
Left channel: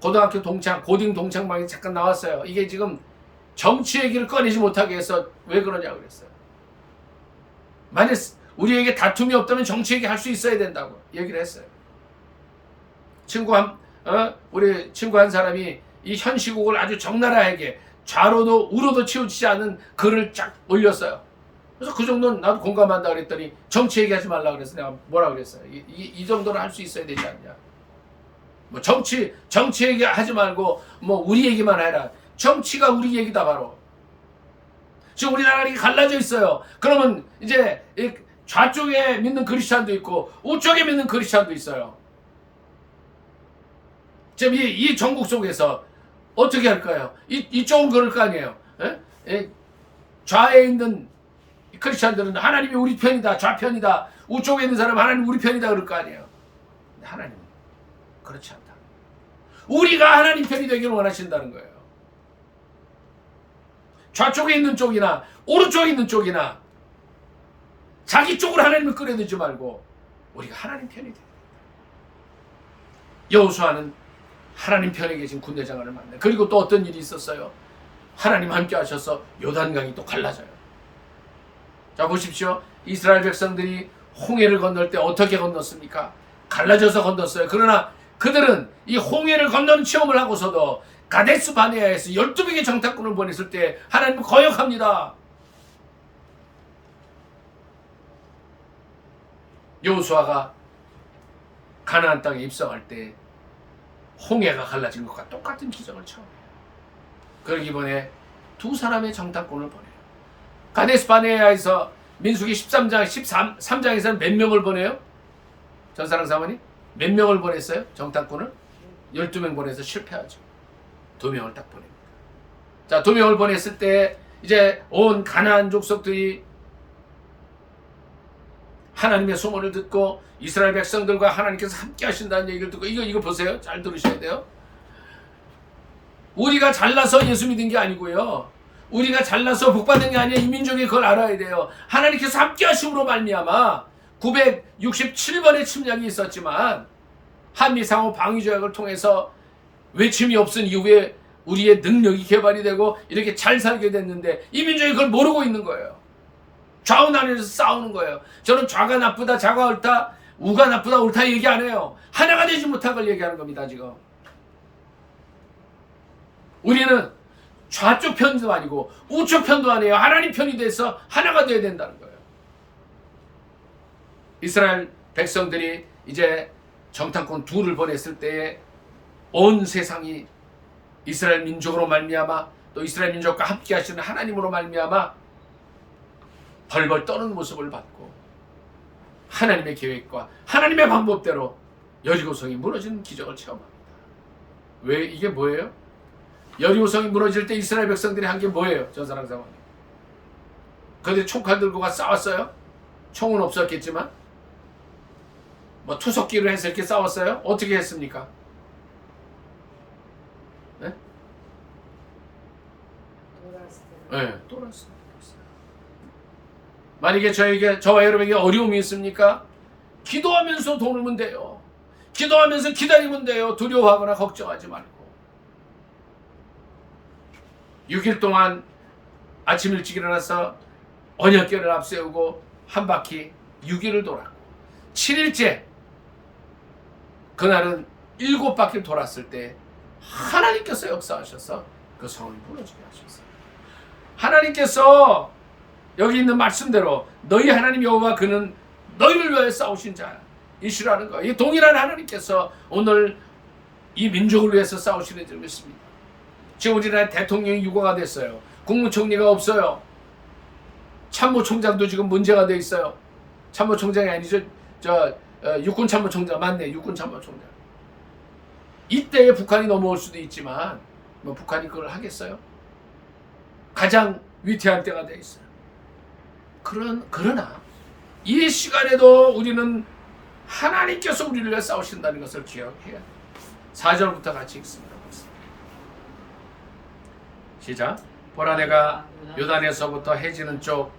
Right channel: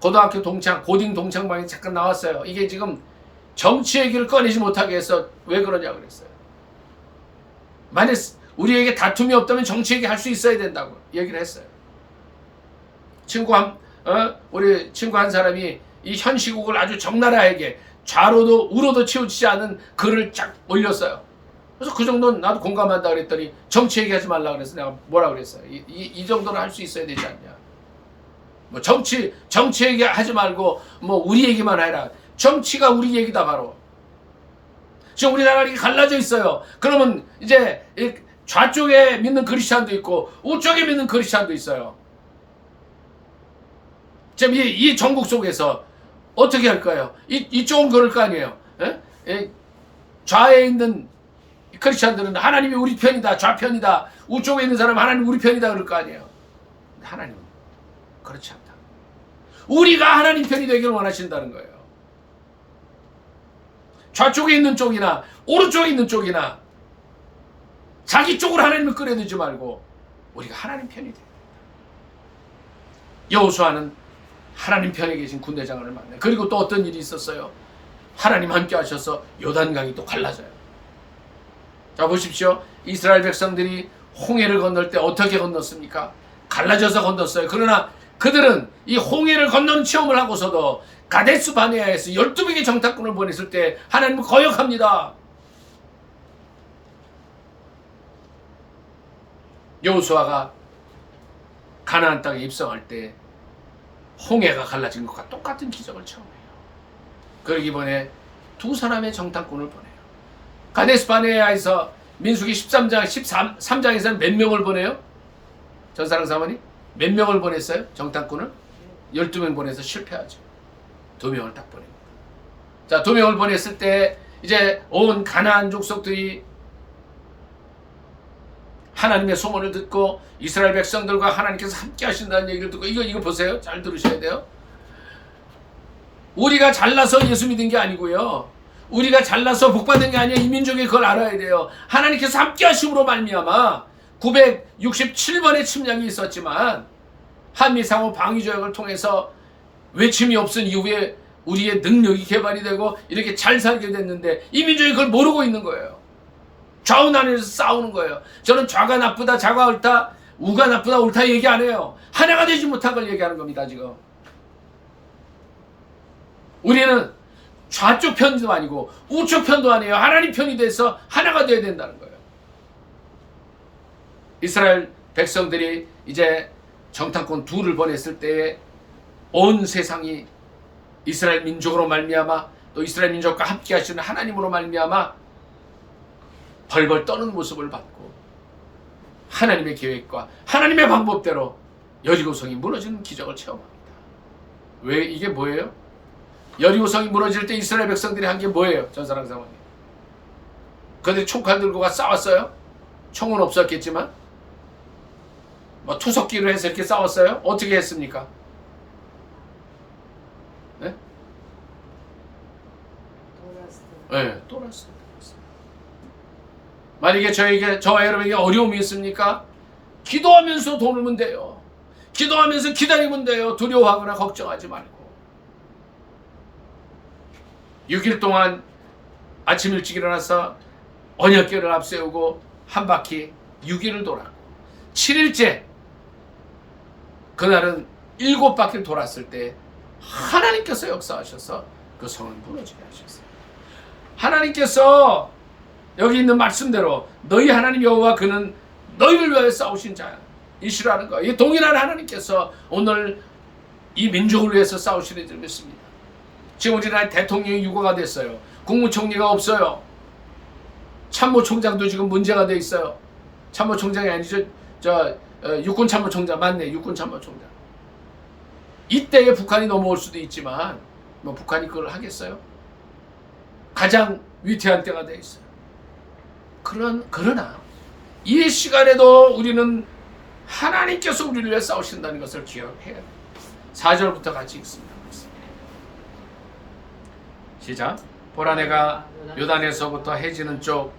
고등학교 동창, 고딩 동창방에 잠깐 나왔어요. 이게 지금 정치 얘기를 꺼내지 못하게 해서 왜 그러냐 그랬어요. 만약 우리에게 다툼이 없다면 정치 얘기 할 수 있어야 된다고 얘기를 했어요. 우리 친구 한 사람이 이 현 시국을 아주 적나라하게 좌로도 우로도 치우치지 않은 글을 쫙 올렸어요. 그래서 그 정도는 나도 공감한다 그랬더니 정치 얘기하지 말라 그래서 내가 뭐라 그랬어요. 이 정도는 할 수 있어야 되지 않냐. 뭐 정치 얘기 하지 말고 뭐 우리 얘기만 해라. 정치가 우리 얘기다 바로. 지금 우리나라가 갈라져 있어요. 그러면 이제 좌쪽에 믿는 크리스찬도 있고 우쪽에 믿는 크리스찬도 있어요. 지금 이 전국 속에서 어떻게 할까요? 이쪽은 그럴 거 아니에요. 좌에 있는 크리스찬들은 하나님이 우리 편이다, 좌편이다. 우쪽에 있는 사람은 하나님 우리 편이다 그럴 거 아니에요. 근데 하나님은 그렇지 않다는 거예요. 우리가 하나님 편이 되기를 원하신다는 거예요. 좌쪽에 있는 쪽이나 오른쪽에 있는 쪽이나 자기 쪽으로 하나님을 끌어들이지 말고 우리가 하나님 편이 돼야 된다. 여호수아는 하나님 편에 계신 군대장관을 만나요. 그리고 또 어떤 일이 있었어요? 하나님 함께 하셔서 요단강이 또 갈라져요. 자, 보십시오. 이스라엘 백성들이 홍해를 건널 때 어떻게 건넜습니까? 갈라져서 건넜어요. 그러나 그들은 이 홍해를 건너는 체험을 하고서도 가데스 바네아에서 12명의 정탐꾼을 보냈을 때 하나님은 거역합니다. 여호수아가 가나안 땅에 입성할 때 홍해가 갈라진 것과 똑같은 기적을 체험해요. 그러기 이번에 두 사람의 정탐꾼을 보내요. 가데스 바네아에서 민수기 13장에서는 몇 명을 보내요? 전사랑 사모님? 몇 명을 보냈어요? 정탐꾼을? 12명 보내서 실패하죠. 2명을 딱 보냅니다. 자, 2명을 보냈을 때 이제 온 가나안 족속들이 하나님의 소문을 듣고 이스라엘 백성들과 하나님께서 함께 하신다는 얘기를 듣고 이거 보세요. 잘 들으셔야 돼요. 우리가 잘나서 예수 믿은 게 아니고요. 우리가 잘나서 복받은 게 아니에요. 이 민족이 그걸 알아야 돼요. 하나님께서 함께 하심으로 말미암아 967번의 침략이 있었지만 한미상호 방위조약을 통해서 외침이 없은 이후에 우리의 능력이 개발이 되고 이렇게 잘 살게 됐는데 이 민족이 그걸 모르고 있는 거예요. 좌우나눠서 싸우는 거예요. 저는 좌가 나쁘다, 좌가 옳다, 우가 나쁘다, 옳다 얘기 안 해요. 하나가 되지 못한 걸 얘기하는 겁니다. 지금 우리는 좌쪽 편도 아니고 우쪽 편도 아니에요. 하나님 편이 돼서 하나가 되어야 된다는 거예요. 이스라엘 백성들이 이제 정탐꾼 둘을 보냈을 때에 온 세상이 이스라엘 민족으로 말미암아 또 이스라엘 민족과 함께 하시는 하나님으로 말미암아 벌벌 떠는 모습을 받고 하나님의 계획과 하나님의 방법대로 여리고성이 무너지는 기적을 체험합니다. 왜 이게 뭐예요? 여리고성이 무너질 때 이스라엘 백성들이 한 게 뭐예요? 전사랑 사모님. 그들이 총칼 들고 가 싸웠어요? 총은 없었겠지만 뭐 투석기를 해서 이렇게 싸웠어요? 어떻게 했습니까? 네? 네, 돌았어요. 만약에 저와 여러분에게 어려움이 있습니까? 기도하면서 돌면 돼요. 기도하면서 기다리면 돼요. 두려워하거나 걱정하지 말고. 6일 동안 아침 일찍 일어나서 언약궤를 앞세우고 한 바퀴 6일을 돌았고 7일째 그날은 7바퀴를 돌았을 때 하나님께서 역사하셔서 그 성을 무너지게 하셨어요. 하나님께서 여기 있는 말씀대로 너희 하나님 여호와 그는 너희를 위하여 싸우신 자이시라는 거예요. 이 동일한 하나님께서 오늘 이 민족을 위해서 싸우시는 줄 믿습니다. 지금 우리나라 대통령이 유고가 됐어요. 국무총리가 없어요. 참모총장도 지금 문제가 돼 있어요. 참모총장이 아니죠. 육군참모총장 맞네. 육군참모총장. 이때에 북한이 넘어올 수도 있지만 뭐 북한이 그걸 하겠어요? 가장 위태한 때가 돼 있어요. 그러나 이 시간에도 우리는 하나님께서 우리를 위해 싸우신다는 것을 기억해야 돼요. 4절부터 같이 읽습니다. 시작. 보라 내가 요단에서부터 해지는 쪽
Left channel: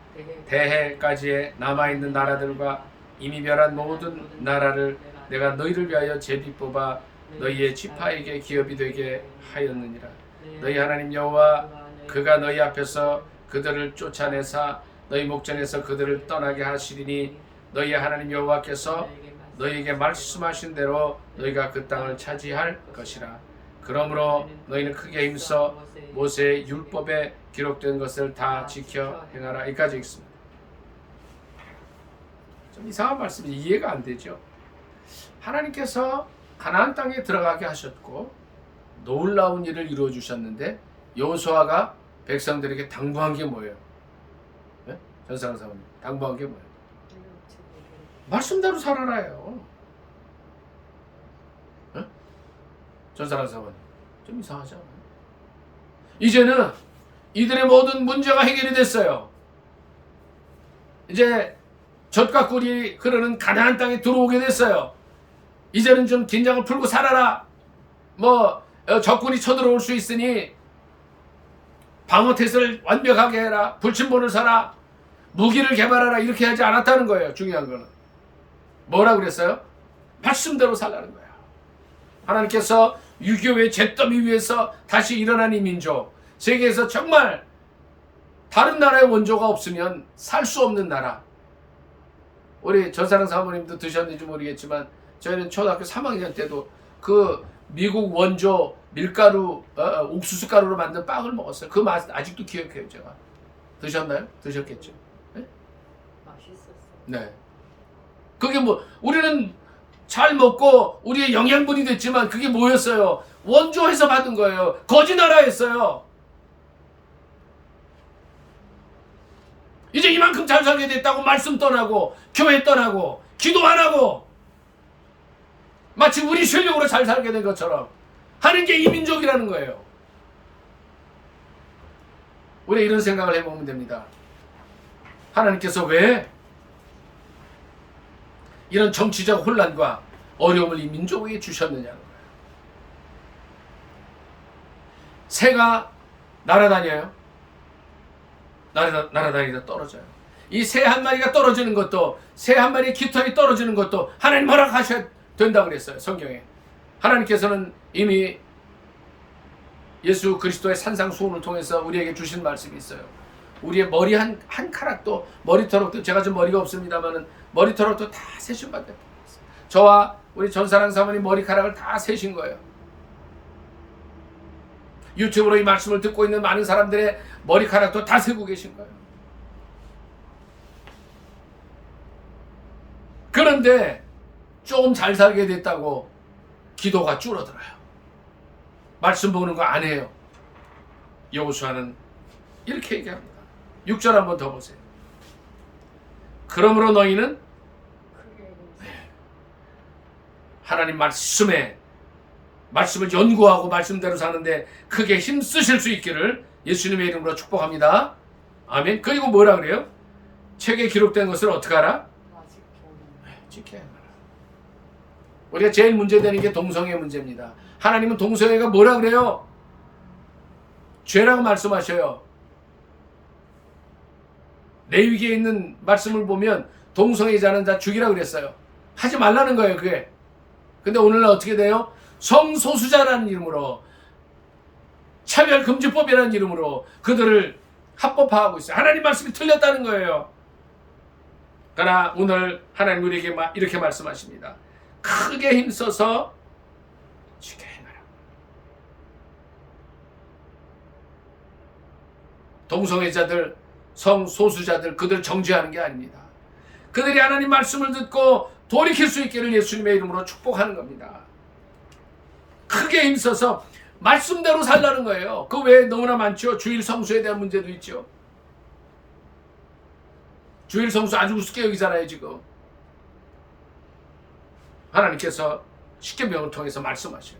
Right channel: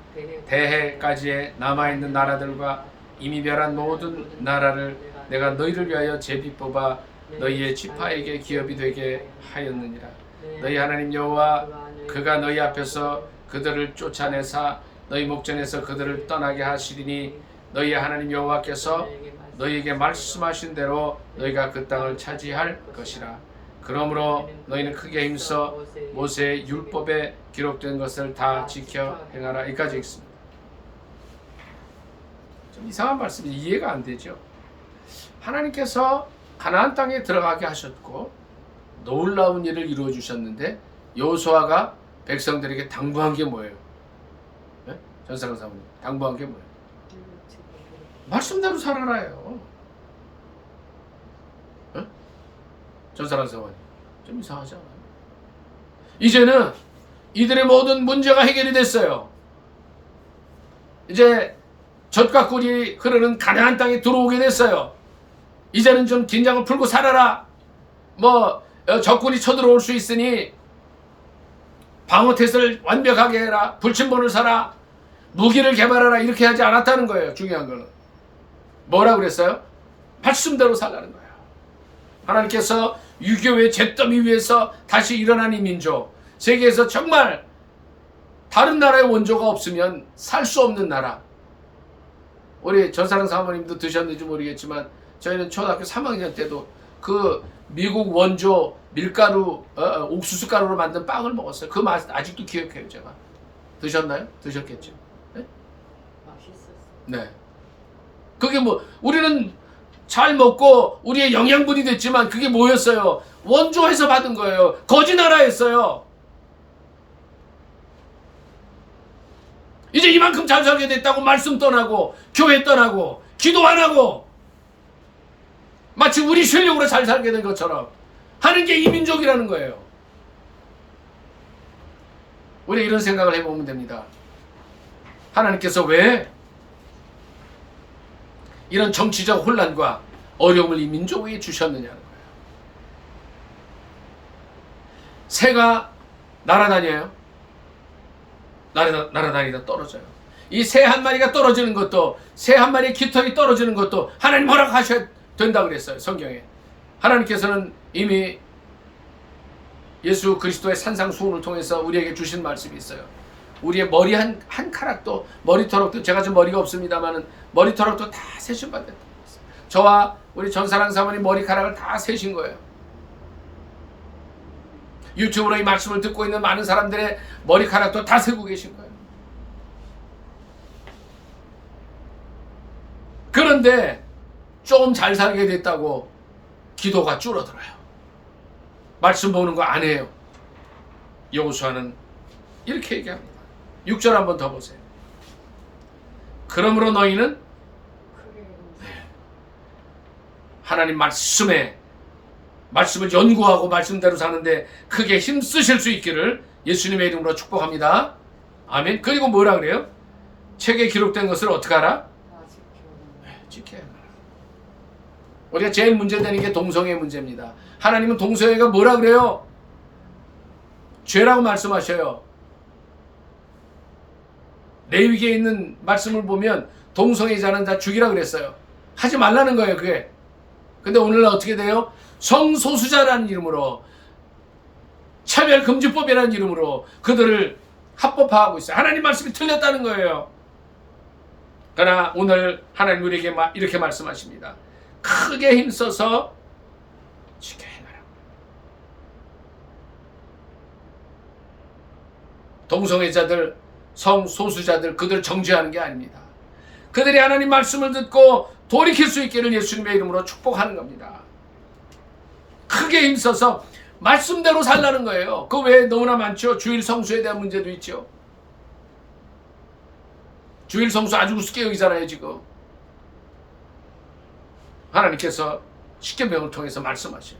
대해까지의 남아있는 나라들과 이미 멸한 모든 나라를 내가 너희를 위하여 제비 뽑아 너희의 지파에게 기업이 되게 하였느니라. 너희 하나님 여호와 그가 너희 앞에서 그들을 쫓아내사 너희 목전에서 그들을 떠나게 하시리니 너희 하나님 여호와께서 너희에게 말씀하신 대로 너희가 그 땅을 차지할 것이라. 그러므로 너희는 크게 힘써 모세의 율법에 기록된 것을 다 지켜 행하라. 여기까지 읽습니다. 좀 이상한 말씀이 이해가 안 되죠. 하나님께서 가나안 땅에 들어가게 하셨고 놀라운 일을 이루어 주셨는데 여호수아가 백성들에게 당부한 게 뭐예요? 네? 전사랑 사모님 당부한 게 뭐예요? 말씀대로 살아라요. 네? 전사랑 사모님 좀 이상하지 않아요? 이제는 이들의 모든 문제가 해결이 됐어요. 이제 젖과 꿀이 흐르는 가나안 땅에 들어오게 됐어요. 이제는 좀 긴장을 풀고 살아라. 적군이 쳐들어올 수 있으니 방어태세를 완벽하게 해라. 불침번을 사라. 무기를 개발하라. 이렇게 하지 않았다는 거예요. 중요한 거는 뭐라고 그랬어요? 말씀대로 살라는 거예요. 하나님께서 유교의 잿더미 위에서 다시 일어난 이 민족, 세계에서 정말 다른 나라의 원조가 없으면 살 수 없는 나라. 우리 전사랑 사모님도 드셨는지 모르겠지만 저희는 초등학교 3학년 때도 그 미국 원조 밀가루 옥수수 가루로 만든 빵을 먹었어요. 그 맛 아직도 기억해요. 제가. 드셨나요? 드셨겠죠. 네? 맛있었어요. 네. 그게 뭐 우리는 잘 먹고 우리의 영양분이 됐지만 그게 뭐였어요? 원조에서 받은 거예요. 거지 나라였어요. 이제 이만큼 잘 살게 됐다고 말씀 떠나고 교회 떠나고 기도 안 하고 마치 우리 실력으로 잘 살게 된 것처럼 하는 게 이민족이라는 거예요. 우리 이런 생각을 해보면 됩니다. 하나님께서 왜 이런 정치적 혼란과 어려움을 이 민족에게 주셨느냐는 거예요. 새가 날아다녀요. 날아다니다 떨어져요. 이 새 한 마리가 떨어지는 것도, 새 한 마리의 깃털이 떨어지는 것도 하나님 허락하셔야 된다 그랬어요. 성경에. 하나님께서는 이미 예수 그리스도의 산상수훈을 통해서 우리에게 주신 말씀이 있어요. 우리의 머리 한 카락도, 머리털도, 제가 좀 머리가 없습니다만은 머리털도 다 세신 받았다. 저와 우리 전사랑 사모님 머리카락을 다 세신 거예요. 유튜브로 이 말씀을 듣고 있는 많은 사람들의 머리카락도 다 세고 계신 거예요. 그런데 좀 잘 살게 됐다고 기도가 줄어들어요. 말씀 보는 거 안 해요. 여호수아는 이렇게 얘기합니다. 6절 한번 더 보세요. 그러므로 너희는 하나님 말씀을 연구하고 말씀대로 사는데 크게 힘쓰실 수 있기를 예수님의 이름으로 축복합니다. 아멘. 그리고 뭐라 그래요? 책에 기록된 것을 어떻게 하라? 지켜야 하라. 우리가 제일 문제되는 게 동성애 문제입니다. 하나님은 동성애가 뭐라 그래요? 죄라고 말씀하셔요. 레위기에 있는 말씀을 보면 동성애자는 다 죽이라 그랬어요. 하지 말라는 거예요, 그게. 근데 오늘날 어떻게 돼요? 성소수자라는 이름으로, 차별금지법이라는 이름으로 그들을 합법화하고 있어요. 하나님 말씀이 틀렸다는 거예요. 그러나 오늘 하나님 우리에게 이렇게 말씀하십니다. 크게 힘써서 지켜 행하라. 동성애자들, 성소수자들, 그들 정죄하는 게 아닙니다. 그들이 하나님 말씀을 듣고 돌이킬 수 있기를 예수님의 이름으로 축복하는 겁니다. 크게 힘써서 말씀대로 살라는 거예요. 그 외에 너무나 많죠. 주일 성수에 대한 문제도 있죠. 주일 성수 아주 우습게 여기잖아요, 지금. 하나님께서 십계명을 통해서 말씀하셔요.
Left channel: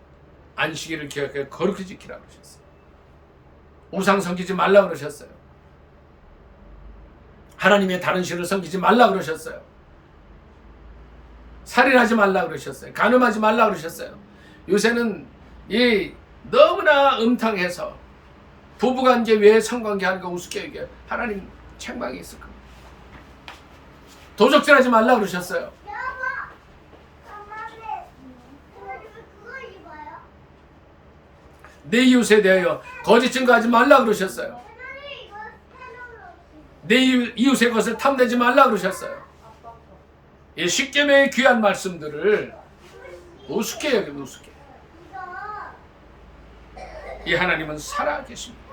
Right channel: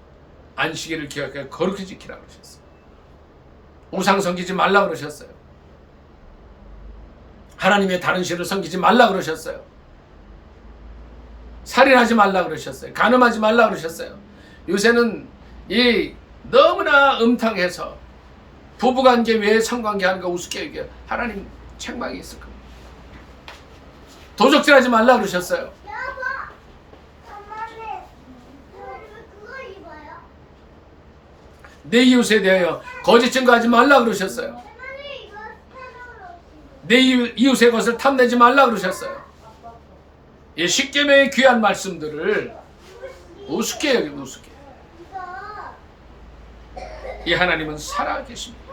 안식일을 기억해 거룩히 지키라 그러셨어요. 우상 섬기지 말라 그러셨어요. 하나님의 다른 신을 섬기지 말라 그러셨어요. 살인하지 말라 그러셨어요. 간음하지 말라 그러셨어요. 요새는 이 너무나 음탕해서 부부관계 외에 성관계 하는 거 우습게 얘기해요. 하나님 책망이 있을 겁니다. 도적질하지 말라 그러셨어요. 내 이웃에 대하여 거짓 증거하지 말라 그러셨어요. 내 이웃의 것을 탐내지 말라 그러셨어요. 이 십계명의 귀한 말씀들을 우습게 여기고 우습게. 이 하나님은 살아 계십니다.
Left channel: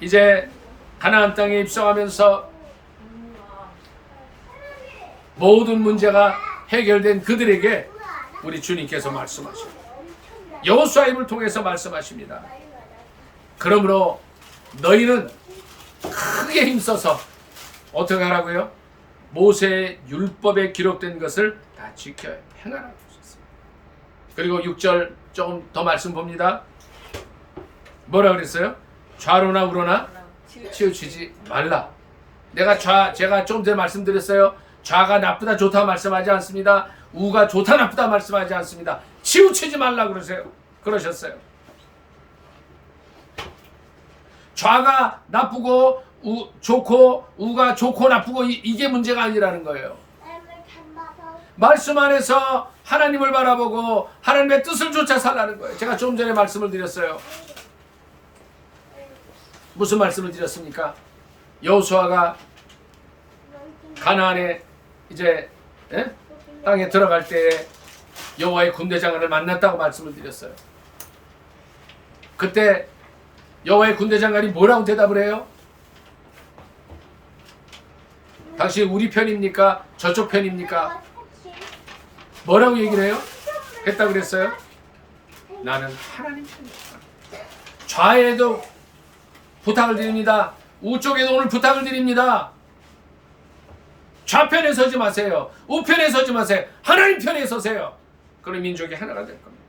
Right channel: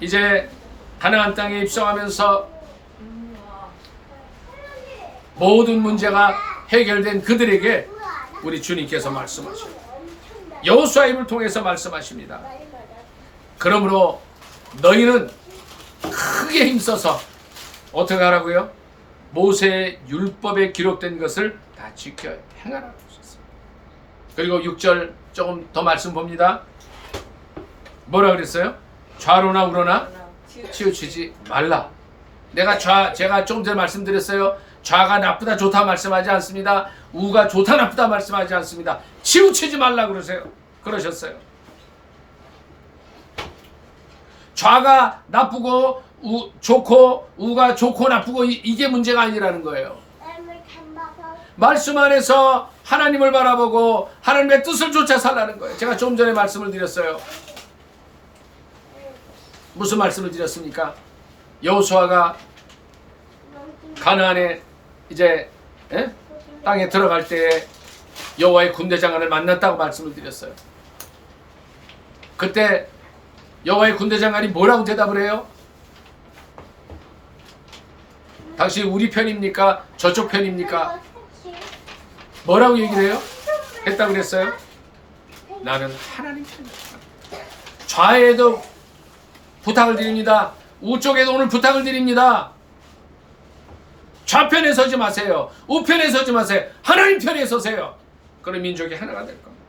이제 가나안 땅에 입성하면서 모든 문제가 해결된 그들에게 우리 주님께서 말씀하셔요. 여호수아 입을 통해서 말씀하십니다. 그러므로 너희는 크게 힘써서 어떻게 하라고요? 모세의 율법에 기록된 것을 다 지켜 행하라고 하셨어요. 그리고 6절 조금 더 말씀 봅니다. 뭐라 그랬어요? 좌로나 우로나 치우치지 말라. 제가 조금 전에 말씀드렸어요. 좌가 나쁘다 좋다 말씀하지 않습니다. 우가 좋다 나쁘다 말씀하지 않습니다. 치우치지 말라 그러셨어요. 좌가 나쁘고 좋고 우가 좋고 나쁘고 이게 문제가 아니라는 거예요. 말씀 안에서 하나님을 바라보고 하나님의 뜻을 쫓아 살라는 거예요. 제가 좀 전에 말씀을 드렸어요. 무슨 말씀을 드렸습니까? 여호수아가 가나안에 이제 땅에 들어갈 때에 여호와의 군대장관을 만났다고 말씀을 드렸어요. 그때 여호와의 군대장관이 뭐라고 대답을 해요? 당신 우리 편입니까? 저쪽 편입니까? 뭐라고 얘기를 해요? 했다고 그랬어요? 나는 하나님 편이다. 좌에도 부탁을 드립니다. 우쪽에도 오늘 부탁을 드립니다. 좌편에 서지 마세요. 우편에 서지 마세요. 하나님 편에 서세요. 그럼 민족이 하나가 될 겁니다.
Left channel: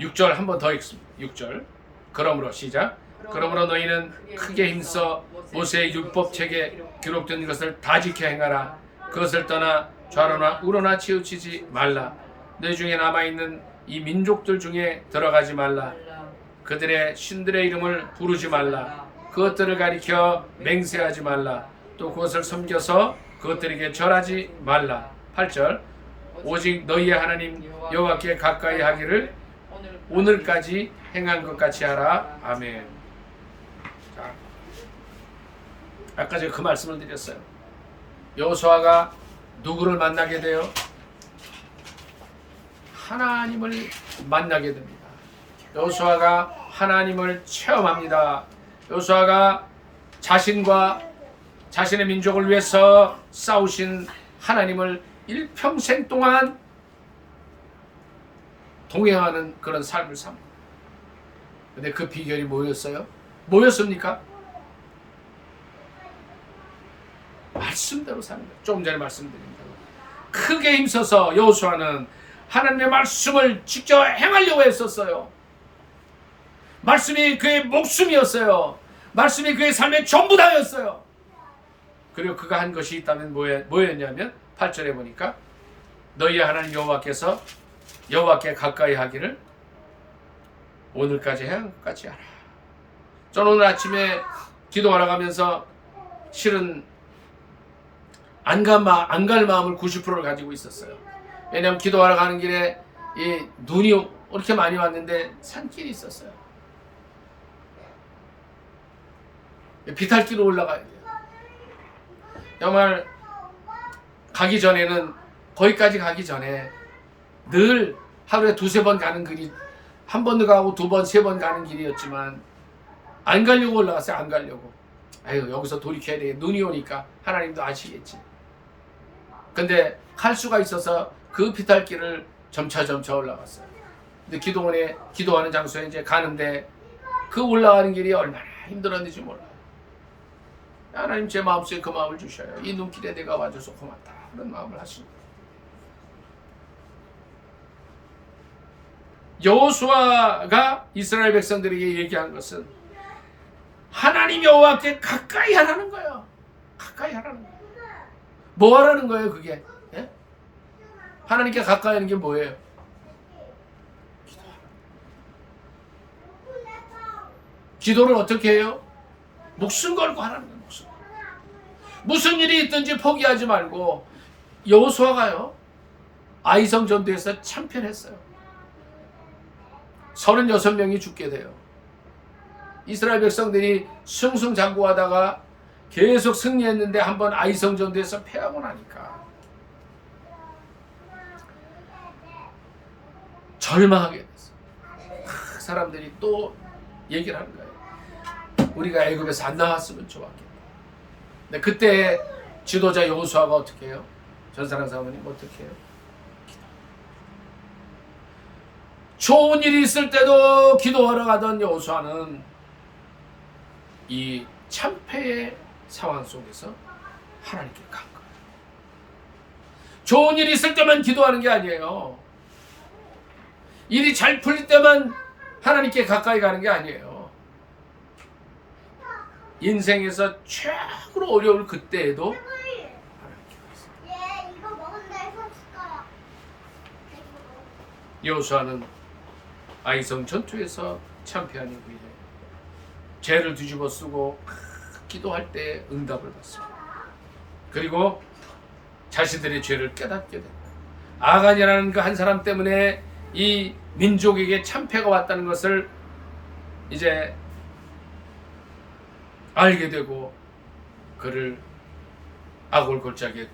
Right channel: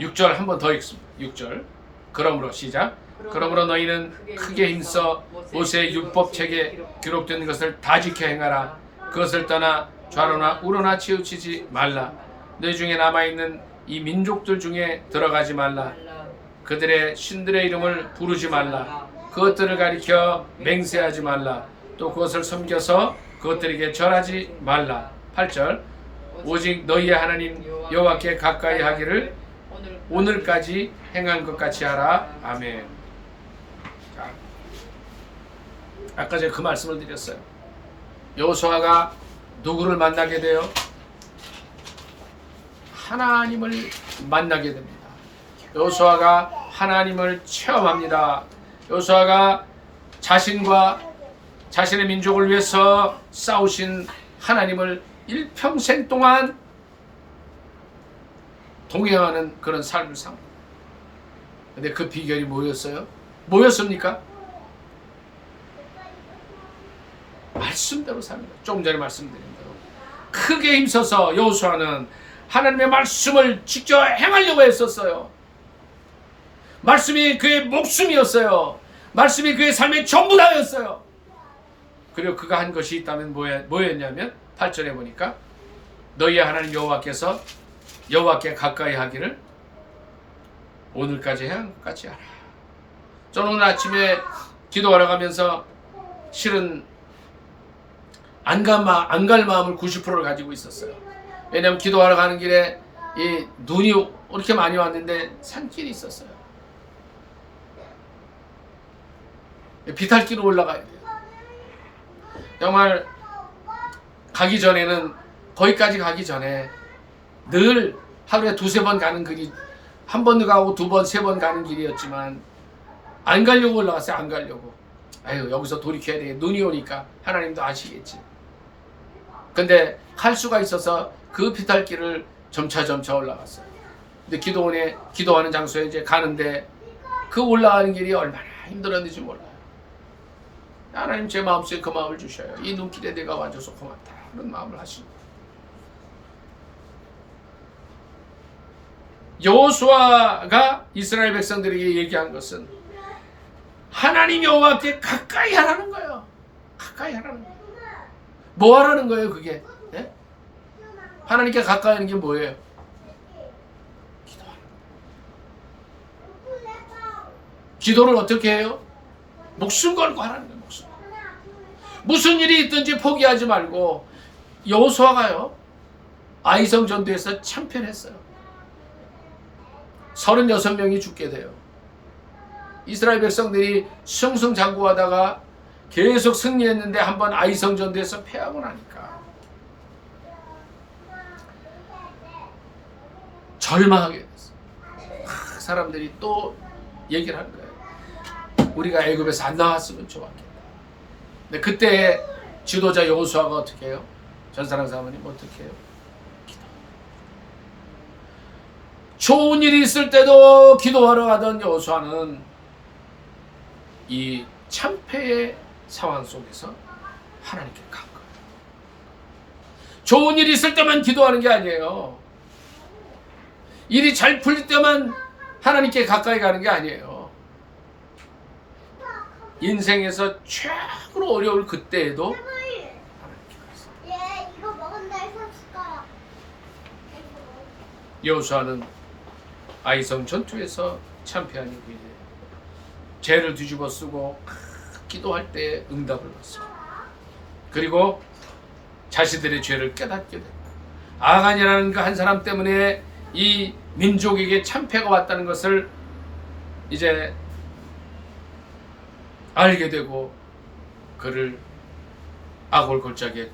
6절 한 번 더 읽습니다. 6절. 그러므로 시작. 그러므로 너희는 크게 힘써 모세의 율법책에 기록된 것을 다 지켜 행하라. 그것을 떠나 좌로나 우로나 치우치지 말라. 너희 중에 남아있는 이 민족들 중에 들어가지 말라. 그들의 신들의 이름을 부르지 말라. 그것들을 가리켜 맹세하지 말라. 또 그것을 섬겨서 그것들에게 절하지 말라. 8절. 오직 너희의 하나님 여호와께 가까이 하기를 오늘까지 행한 것 같이 하라. 아멘. 자, 아까 제가 그 말씀을 드렸어요. 여호수아가 누구를 만나게 돼요? 하나님을 만나게 됩니다. 여호수아가 하나님을 체험합니다. 여호수아가 자신과 자신의 민족을 위해서 싸우신 하나님을 일평생 동안 동행하는 그런 삶을 삽니다. 근데 그 비결이 뭐였어요? 뭐였습니까? 말씀대로 사는 거예요. 조금 전에 말씀드린 대로 크게 힘써서 여호수아는 하나님의 말씀을 직접 행하려고 했었어요. 말씀이 그의 목숨이었어요. 말씀이 그의 삶의 전부 다였어요. 그리고 그가 한 것이 있다면 뭐였냐면 8절에 보니까 너희의 하나님 여호와께서 여호와께 가까이 하기를 오늘까지 행한 것 같이 하라. 저는 오늘 아침에 기도하러 가면서 실은 안 갈 마음을 90%를 가지고 있었어요. 왜냐하면 기도하러 가는 길에 이 눈이 이렇게 많이 왔는데 산길이 있었어요. 비탈길로 올라가야 돼요. 정말 가기 전에는 거기까지 가기 전에 늘 하루에 두세 번 가는 길이 한 번 가고 두 번, 세 번 가는 길이었지만 안 가려고 올라갔어요. 안 가려고. 아유 여기서 돌이켜야 돼. 눈이 오니까 하나님도 아시겠지. 근데 갈 수가 있어서 그 비탈길을 점차 올라갔어요. 근데 기도하는 장소에 이제 가는데 그 올라가는 길이 얼마나 힘들었는지 몰라요. 하나님 제 마음속에 그 마음을 주셔요. 이 눈길에 내가 와줘서 고맙다 하는 마음을 하시는 거예요. 여호수아가 이스라엘 백성들에게 얘기한 것은 하나님 여호와께 가까이 하라는 거예요. 가까이 하라는 거예요. 뭐 하라는 거예요 그게? 예? 하나님께 가까이 하는 게 뭐예요? 기도하는 거예요. 기도를 어떻게 해요? 목숨 걸고 하라는 거예요. 목숨 걸고. 무슨 일이 있든지 포기하지 말고 여호수아가요 아이성 전투에서 참편했어요. 36명이 죽게 돼요. 이스라엘 백성들이 승승장구하다가 계속 승리했는데 한번 아이성 전투에서 패하고 나니까 절망하게 됐어요. 사람들이 또 얘기를 하는 거예요. 우리가 애굽에서 안 나왔으면 좋았겠다. 근데 그때 지도자 여호수아가 어떻게 해요? 전사랑 사모님 어떻게 해요? 좋은 일이 있을 때도 기도하러 가던 여호수아는 이 참패의 상황 속에서 하나님께 간 거예요. 좋은 일이 있을 때만 기도하는 게 아니에요. 일이 잘 풀릴 때만 하나님께 가까이 가는 게 아니에요. 인생에서 최고로 어려울 그때에도 하나님께 갔어요. 이거 먹은다 해서 줄까? 여호수아는 아이성 전투에서 참패한 이후에 죄를 뒤집어 쓰고 기도할 때 응답을 받습니다. 그리고 자신들의 죄를 깨닫게 되고 아간이라는 그 한 사람 때문에 이 민족에게 참패가 왔다는 것을 이제 알게 되고 그를 아골 골짜기에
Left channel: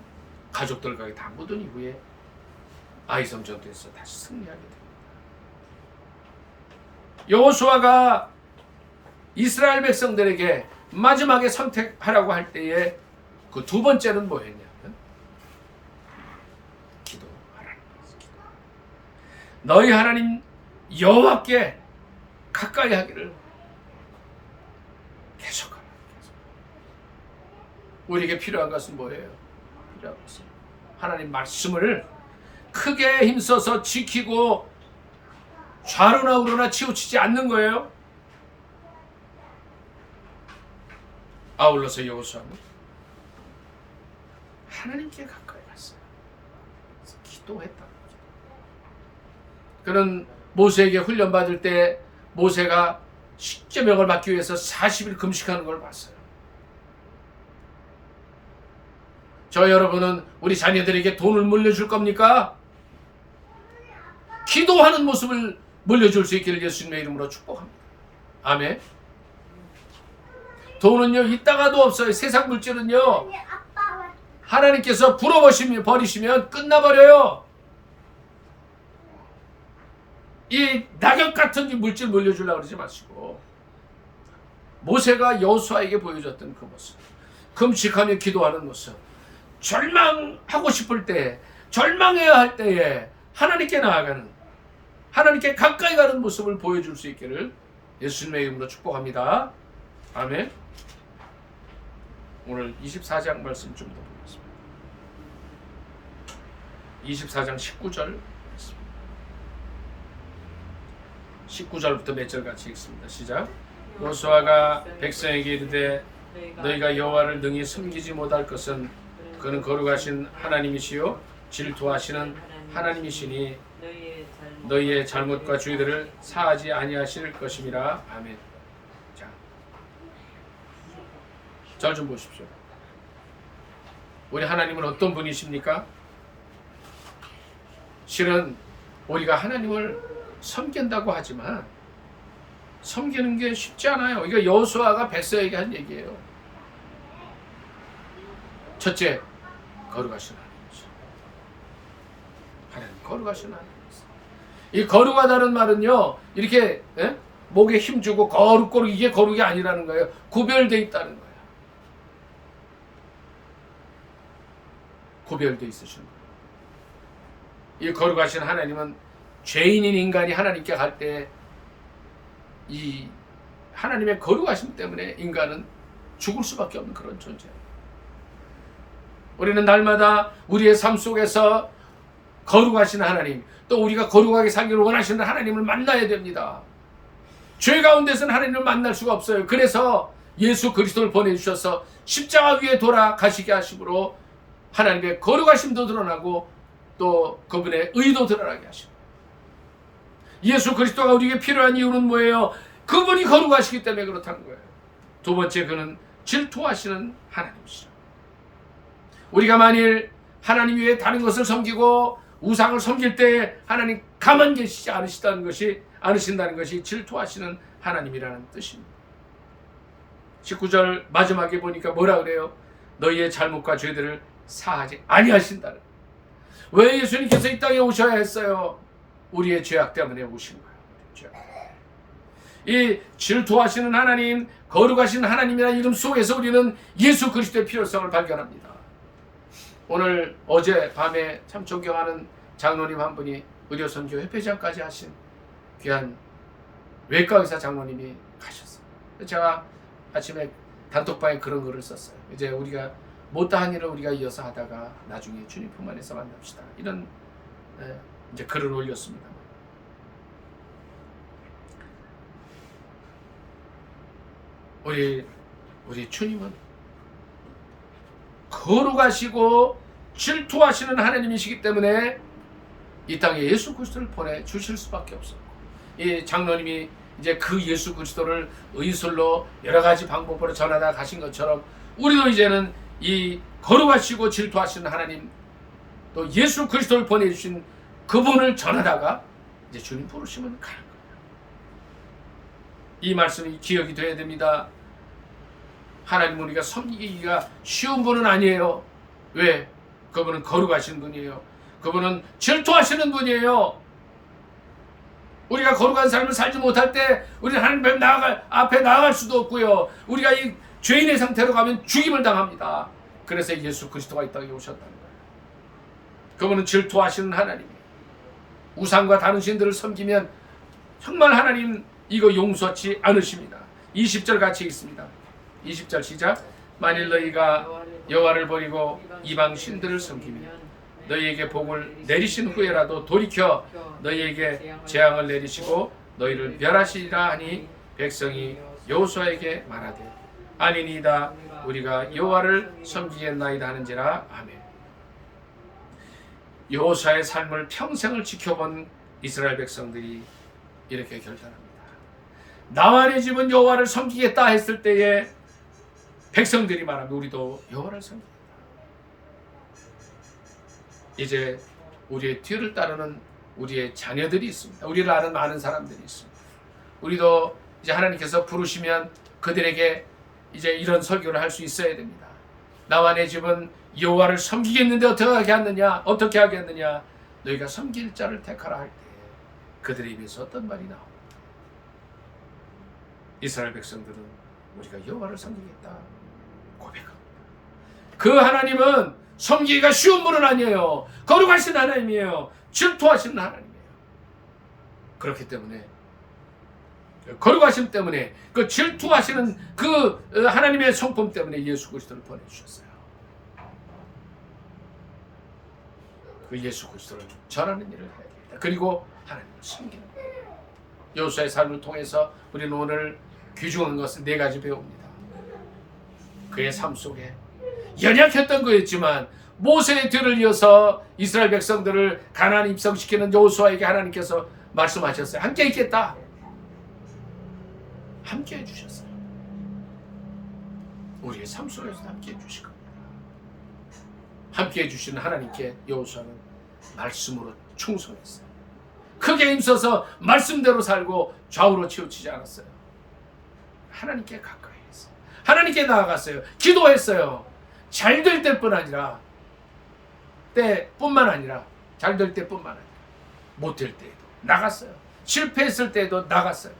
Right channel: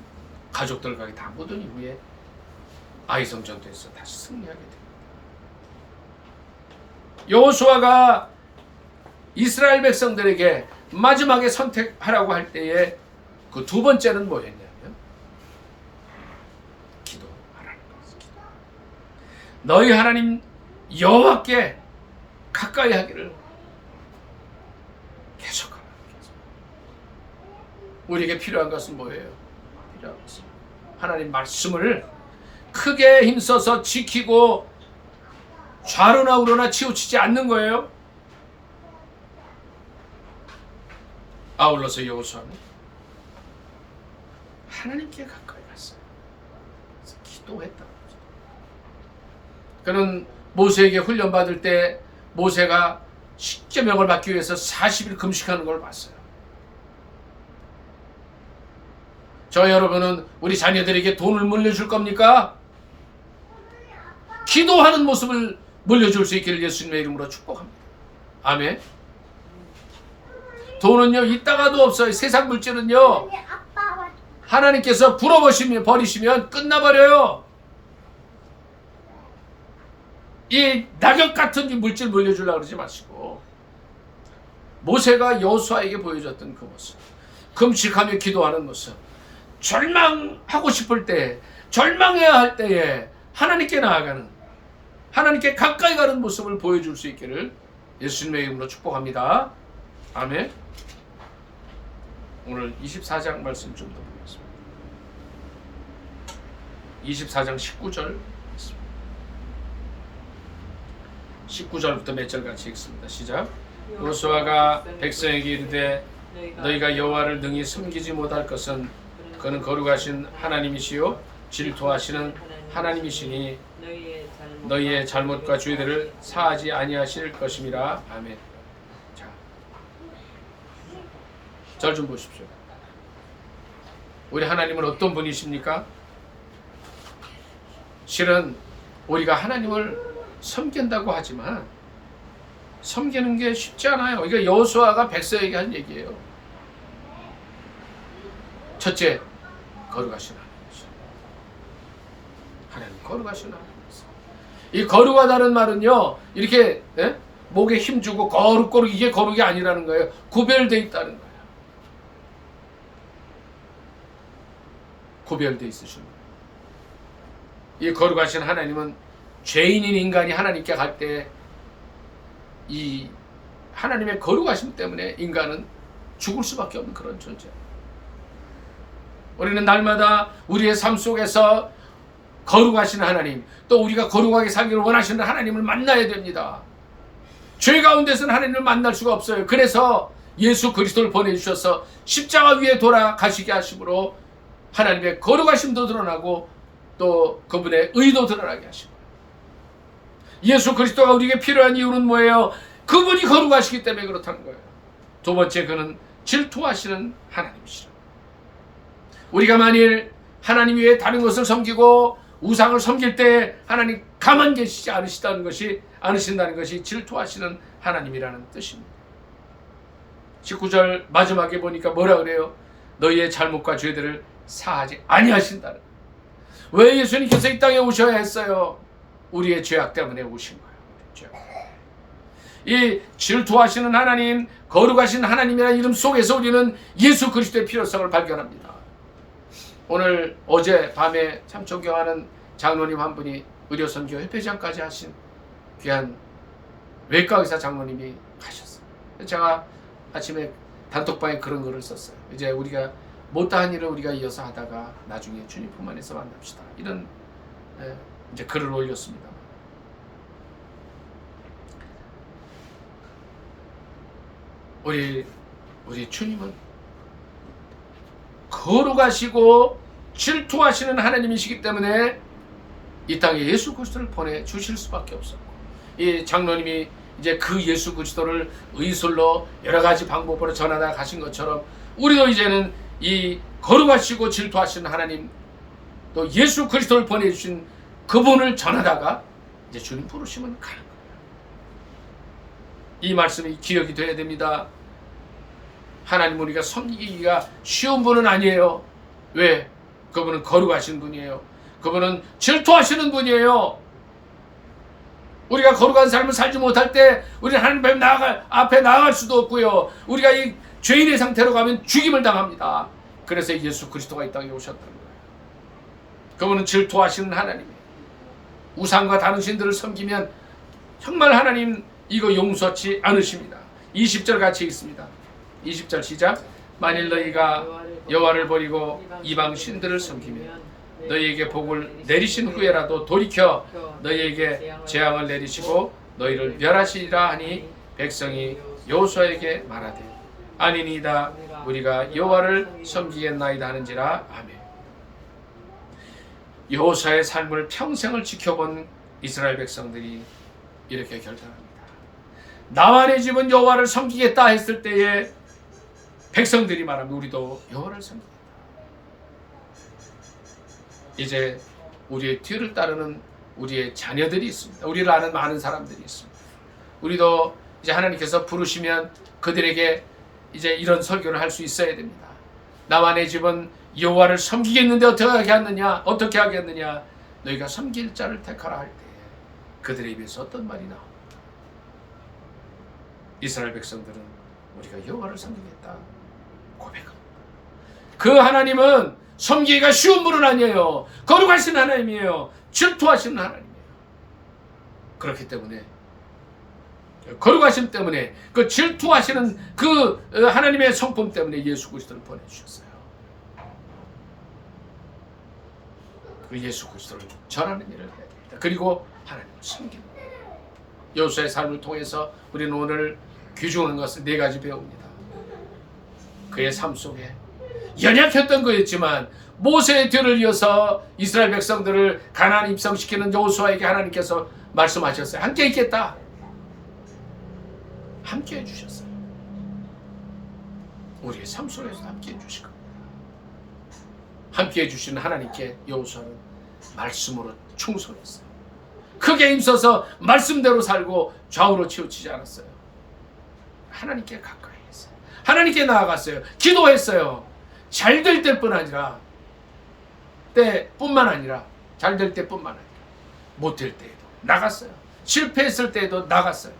가족들과 다 묻은 이후에 아이성 전투에서 다시 승리하게 됩니다. 여호수아가 이스라엘 백성들에게 마지막에 선택하라고 할 때에 그 두 번째는 뭐였냐면 기도하라는 거였어요. 기도. 너희 하나님 여호와께 가까이 하기를 계속하라. 우리에게 필요한 것은 뭐예요? 필요한 것은 하나님 말씀을 크게 힘써서 지키고 좌로나 우로나 치우치지 않는 거예요. 아울러서 여호수아는 하나님께 가까이 갔어요. 그래서 기도했다는 거죠. 그는 모세에게 훈련받을 때 모세가 십계명을 받기 위해서 40일 금식하는 걸 봤어요. 저 여러분은 우리 자녀들에게 돈을 물려줄 겁니까? 기도하는 모습을 물려줄 수 있기를 예수님의 이름으로 축복합니다. 아멘. 돈은요 있다가도 없어요. 세상 물질은요 하나님께서 버리시면 끝나버려요. 이 낙엽 같은 이 물질 물려주려고 그러지 마시고 모세가 여호수아에게 보여줬던 그 모습, 금식하며 기도하는 모습, 절망하고 싶을 때, 절망해야 할 때에 하나님께 나아가는, 하나님께 가까이 가는 모습을 보여줄 수 있기를 예수님의 이름으로 축복합니다. 아멘. 오늘 24장 말씀 좀 더 보겠습니다. 24장 19절 19절부터 몇 절 같이 읽습니다. 시작. 여호수아가 백성에게 이르되 너희가 여호와를 능히 섬기지 못할 것은 그는 거룩하신 하나님이시요 질투하시는 하나님이시니 너희의 잘못과 죄들을 사하지 아니하실 것임이라. 아멘. 자, 절 좀 보십시오. 우리 하나님은 어떤 분이십니까? 실은 우리가 하나님을 섬긴다고 하지만 섬기는 게 쉽지 않아요. 이거 여호수아가 백성에게 한 얘기예요. 첫째, 거룩하신 하나님이시죠. 하나님 거룩하신 하나님이세요. 이 거룩하다는 말은요, 이렇게 목에 힘주고 거룩 이게 거룩이 아니라는 거예요. 구별되어 있다는 거예요. 구별되어 있으신 분. 이 거룩하신 하나님은 죄인인 인간이 하나님께 갈 때 이 하나님의 거룩하심 때문에 인간은 죽을 수밖에 없는 그런 존재예요. 우리는 날마다 우리의 삶 속에서 거룩하신 하나님, 또 우리가 거룩하게 살기를 원하시는 하나님을 만나야 됩니다. 죄 가운데서는 하나님을 만날 수가 없어요. 그래서 예수 그리스도를 보내주셔서 십자가 위에 돌아가시게 하심으로 하나님의 거룩하심도 드러나고 또 그분의 의도 드러나게 하십니다. 예수 그리스도가 우리에게 필요한 이유는 뭐예요? 그분이 거룩하시기 때문에 그렇다는 거예요. 두 번째, 그는 질투하시는 하나님이시라. 우리가 만일 하나님 외에 다른 것을 섬기고 우상을 섬길 때 하나님 가만 계시지 않으신다는 것이 질투하시는 하나님이라는 뜻입니다. 19절 마지막에 보니까 뭐라 그래요? 너희의 잘못과 죄들을 사하지 아니하신다는. 왜 예수님께서 이 땅에 오셔야 했어요? 우리의 죄악 때문에 오신 거예요. 이 질투하시는 하나님, 거룩하신 하나님이라는 이름 속에서 우리는 예수 그리스도의 필요성을 발견합니다. 오늘 어제 밤에 참 존경하는 장로님 한 분이 의료선교 협회장까지 하신 귀한 외과의사 장로님이 가셨어요. 제가 아침에 단톡방에 그런 글을 썼어요. 이제 우리가 못다한 일을 우리가 이어서 하다가 나중에 주님 품 안에서 만납시다. 이런 이제 글을 올렸습니다. 우리 주님은 거룩하시고 질투하시는 하나님이시기 때문에 이 땅에 예수 그리스도를 보내주실 수밖에 없었고, 이 장로님이 이제 그 예수 그리스도를 의술로 여러 가지 방법으로 전하다 가신 것처럼 우리도 이제는 이 거룩하시고 질투하시는 하나님, 또 예수 그리스도를 보내주신 그분을 전하다가 이제 주님 부르시면 가는 거예요. 이 말씀이 기억이 돼야 됩니다. 하나님 우리가 섬기기가 쉬운 분은 아니에요. 왜? 그분은 거룩하신 분이에요. 그분은 질투하시는 분이에요. 우리가 거룩한 삶을 살지 못할 때 우리는 하나님 앞에 나아갈 수도 없고요. 우리가 이 죄인의 상태로 가면 죽임을 당합니다. 그래서 예수 그리스도가 이 땅에 오셨다는 거예요. 그분은 질투하시는 하나님이에요. 우상과 다른 신들을 섬기면 정말 하나님 이거 용서치 않으십니다. 20절 같이 읽습니다. 20절 시작. 만일 너희가 여호와를 버리고 이방 신들을 섬기면 너희에게 복을 내리신 후에라도 돌이켜 너희에게 재앙을 내리시고 너희를 멸하시리라 하니 백성이 여호수아에게 말하되 아니니이다 우리가 여호와를 섬기겠나이다 하는지라. 아멘. 여호수아의 삶을 평생을 지켜본 이스라엘 백성들이 이렇게 결단합니다. 나와 내 집은 여호와를 섬기겠다 했을 때에 백성들이 말합니다. 우리도 여호와를 섬기겠다. 이제 우리의 뒤를 따르는 우리의 자녀들이 있습니다. 우리를 아는 많은 사람들이 있습니다. 우리도 이제 하나님께서 부르시면 그들에게 이제 이런 설교를 할 수 있어야 됩니다. 나와 내 집은 여호와를 섬기겠는데 어떻게 하겠느냐? 너희가 섬길 자를 택하라 할 때 그들의 입에서 어떤 말이 나옵니다. 이스라엘 백성들은 우리가 여호와를 섬기겠다 고백합니다. 그 하나님은 섬기기가 쉬운 분은 아니에요. 거룩하신 하나님이에요. 질투하시는 하나님이에요. 그렇기 때문에 거룩하심 때문에 그 질투하시는 그 하나님의 성품 때문에 예수 그리스도를 보내주셨어요. 그 예수 그리스도를 전하는 일을 해야 됩니다. 그리고 하나님을 섬기는 거예요. 여호수아의 삶을 통해서 우리는 오늘 귀중한 것을 4가지 배웁니다. 그의 삶 속에 연약했던 거였지만 모세의 뒤를 이어서 이스라엘 백성들을 가나안 입성시키는 여호수아에게 하나님께서 말씀하셨어요. 함께 있겠다. 함께 해주셨어요. 우리의 삶 속에서도 함께 해주실 겁니다. 함께 해주시는 하나님께 여호수아는 말씀으로 충성했어요. 크게 힘써서 말씀대로 살고 좌우로 치우치지 않았어요. 하나님께 가까이 했어요. 하나님께 나아갔어요. 기도했어요. 잘 될 때뿐만 아니라 잘 될 때뿐만 아니라 못 될 때에도 나갔어요. 실패했을 때에도 나갔어요.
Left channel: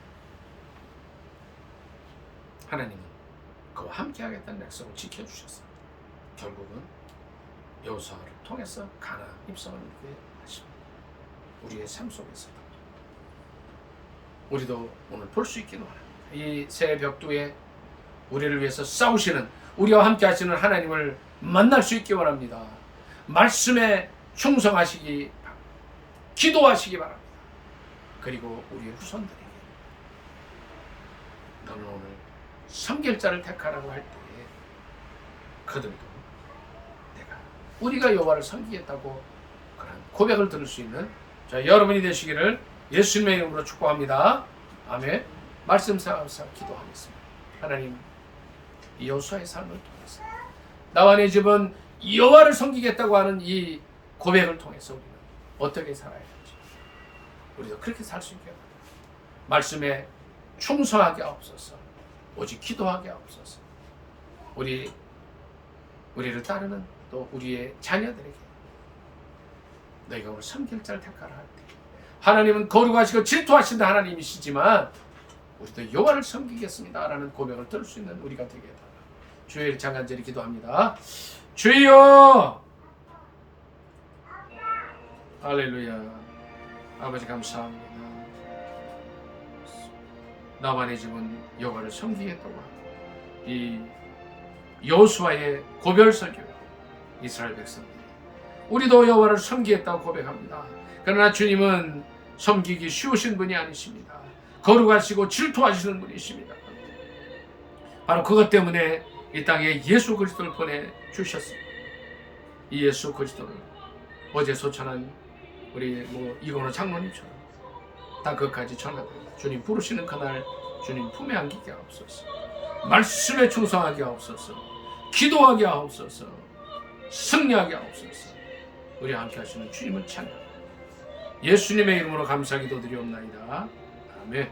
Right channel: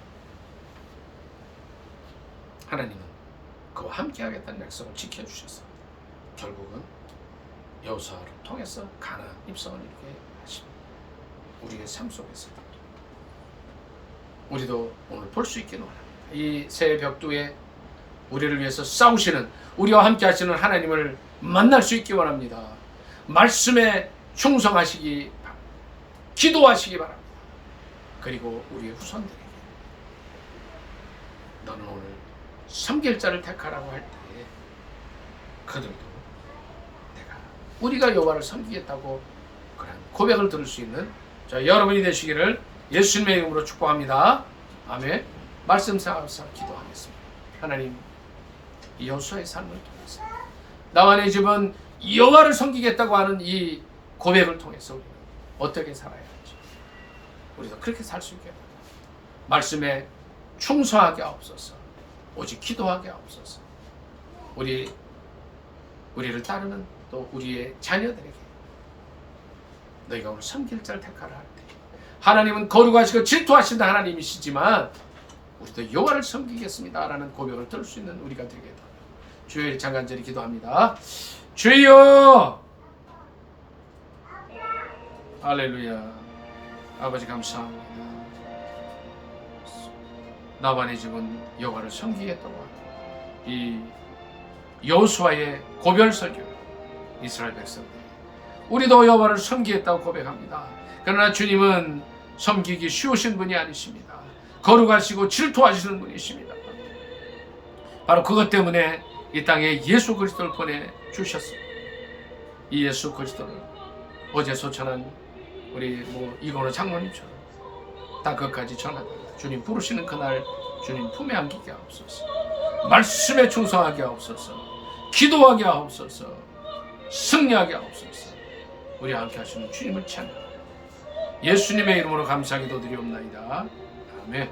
하나님은 그와 함께 하겠다는 약속을 지켜주셔서 결국은 여호수아를 통해서 가나안 입성을 이루게 하십니다. 우리의 삶 속에서도 우리도 오늘 볼 수 있기를 원합니다. 이 새해 벽두에 우리를 위해서 싸우시는, 우리와 함께 하시는 하나님을 만날 수 있기 원합니다. 말씀에 충성하시기 바랍니다. 기도하시기 바랍니다. 그리고 우리의 후손들에게 너는 오늘 섬길 자를 택하라고 할 때에 그들도 우리가 여호와를 섬기겠다고 그런 고백을 들을 수 있는 여러분이 되시기를 예수님의 이름으로 축복합니다. 아멘. 말씀 생각하면서 기도하겠습니다. 하나님, 이 여호수아의 삶을 통해서 나와 내 집은 여호와를 섬기겠다고 하는 이 고백을 통해서 우리는 어떻게 살아야 할지 우리도 그렇게 살 수 있게 해달라. 말씀에 충성하게 하옵소서. 오직 기도하게 하옵소서. 우리를 따르는 또 우리의 자녀들에게 너희가 오늘 섬길 자를 택하라 할 때 하나님은 거룩하시고 질투하신다 하나님이시지만 우리도 여호와를 섬기겠습니다 라는 고백을 들을 수 있는 우리가 되게 해달라고 주의 장간절히 기도합니다. 주여, 할렐루야. 아버지 감사합니다. 나와 내 집은 여호와를 섬기겠다고 하는 이 여호수아의 고별 설교, 이스라엘 백성들이 우리도 여호와를 섬기겠다고 고백합니다. 그러나 주님은 섬기기 쉬우신 분이 아니십니다. 거룩하시고 질투하시는 분이십니다. 바로 그것 때문에 이 땅에 예수 그리스도를 보내주셨습니다. 이 예수 그리스도를 어제 소천한 우리 이건호 장로님처럼 땅 끝까지 전하다가 주님 부르시는 그날 주님 품에 안기게 하옵소서. 말씀에 충성하게 하옵소서. 기도하게 하옵소서. 승리하게 하옵소서. 우리와 함께 하시는 주님을 찬양합니다. 예수님의 이름으로 감사 기도드리옵나이다. 아멘.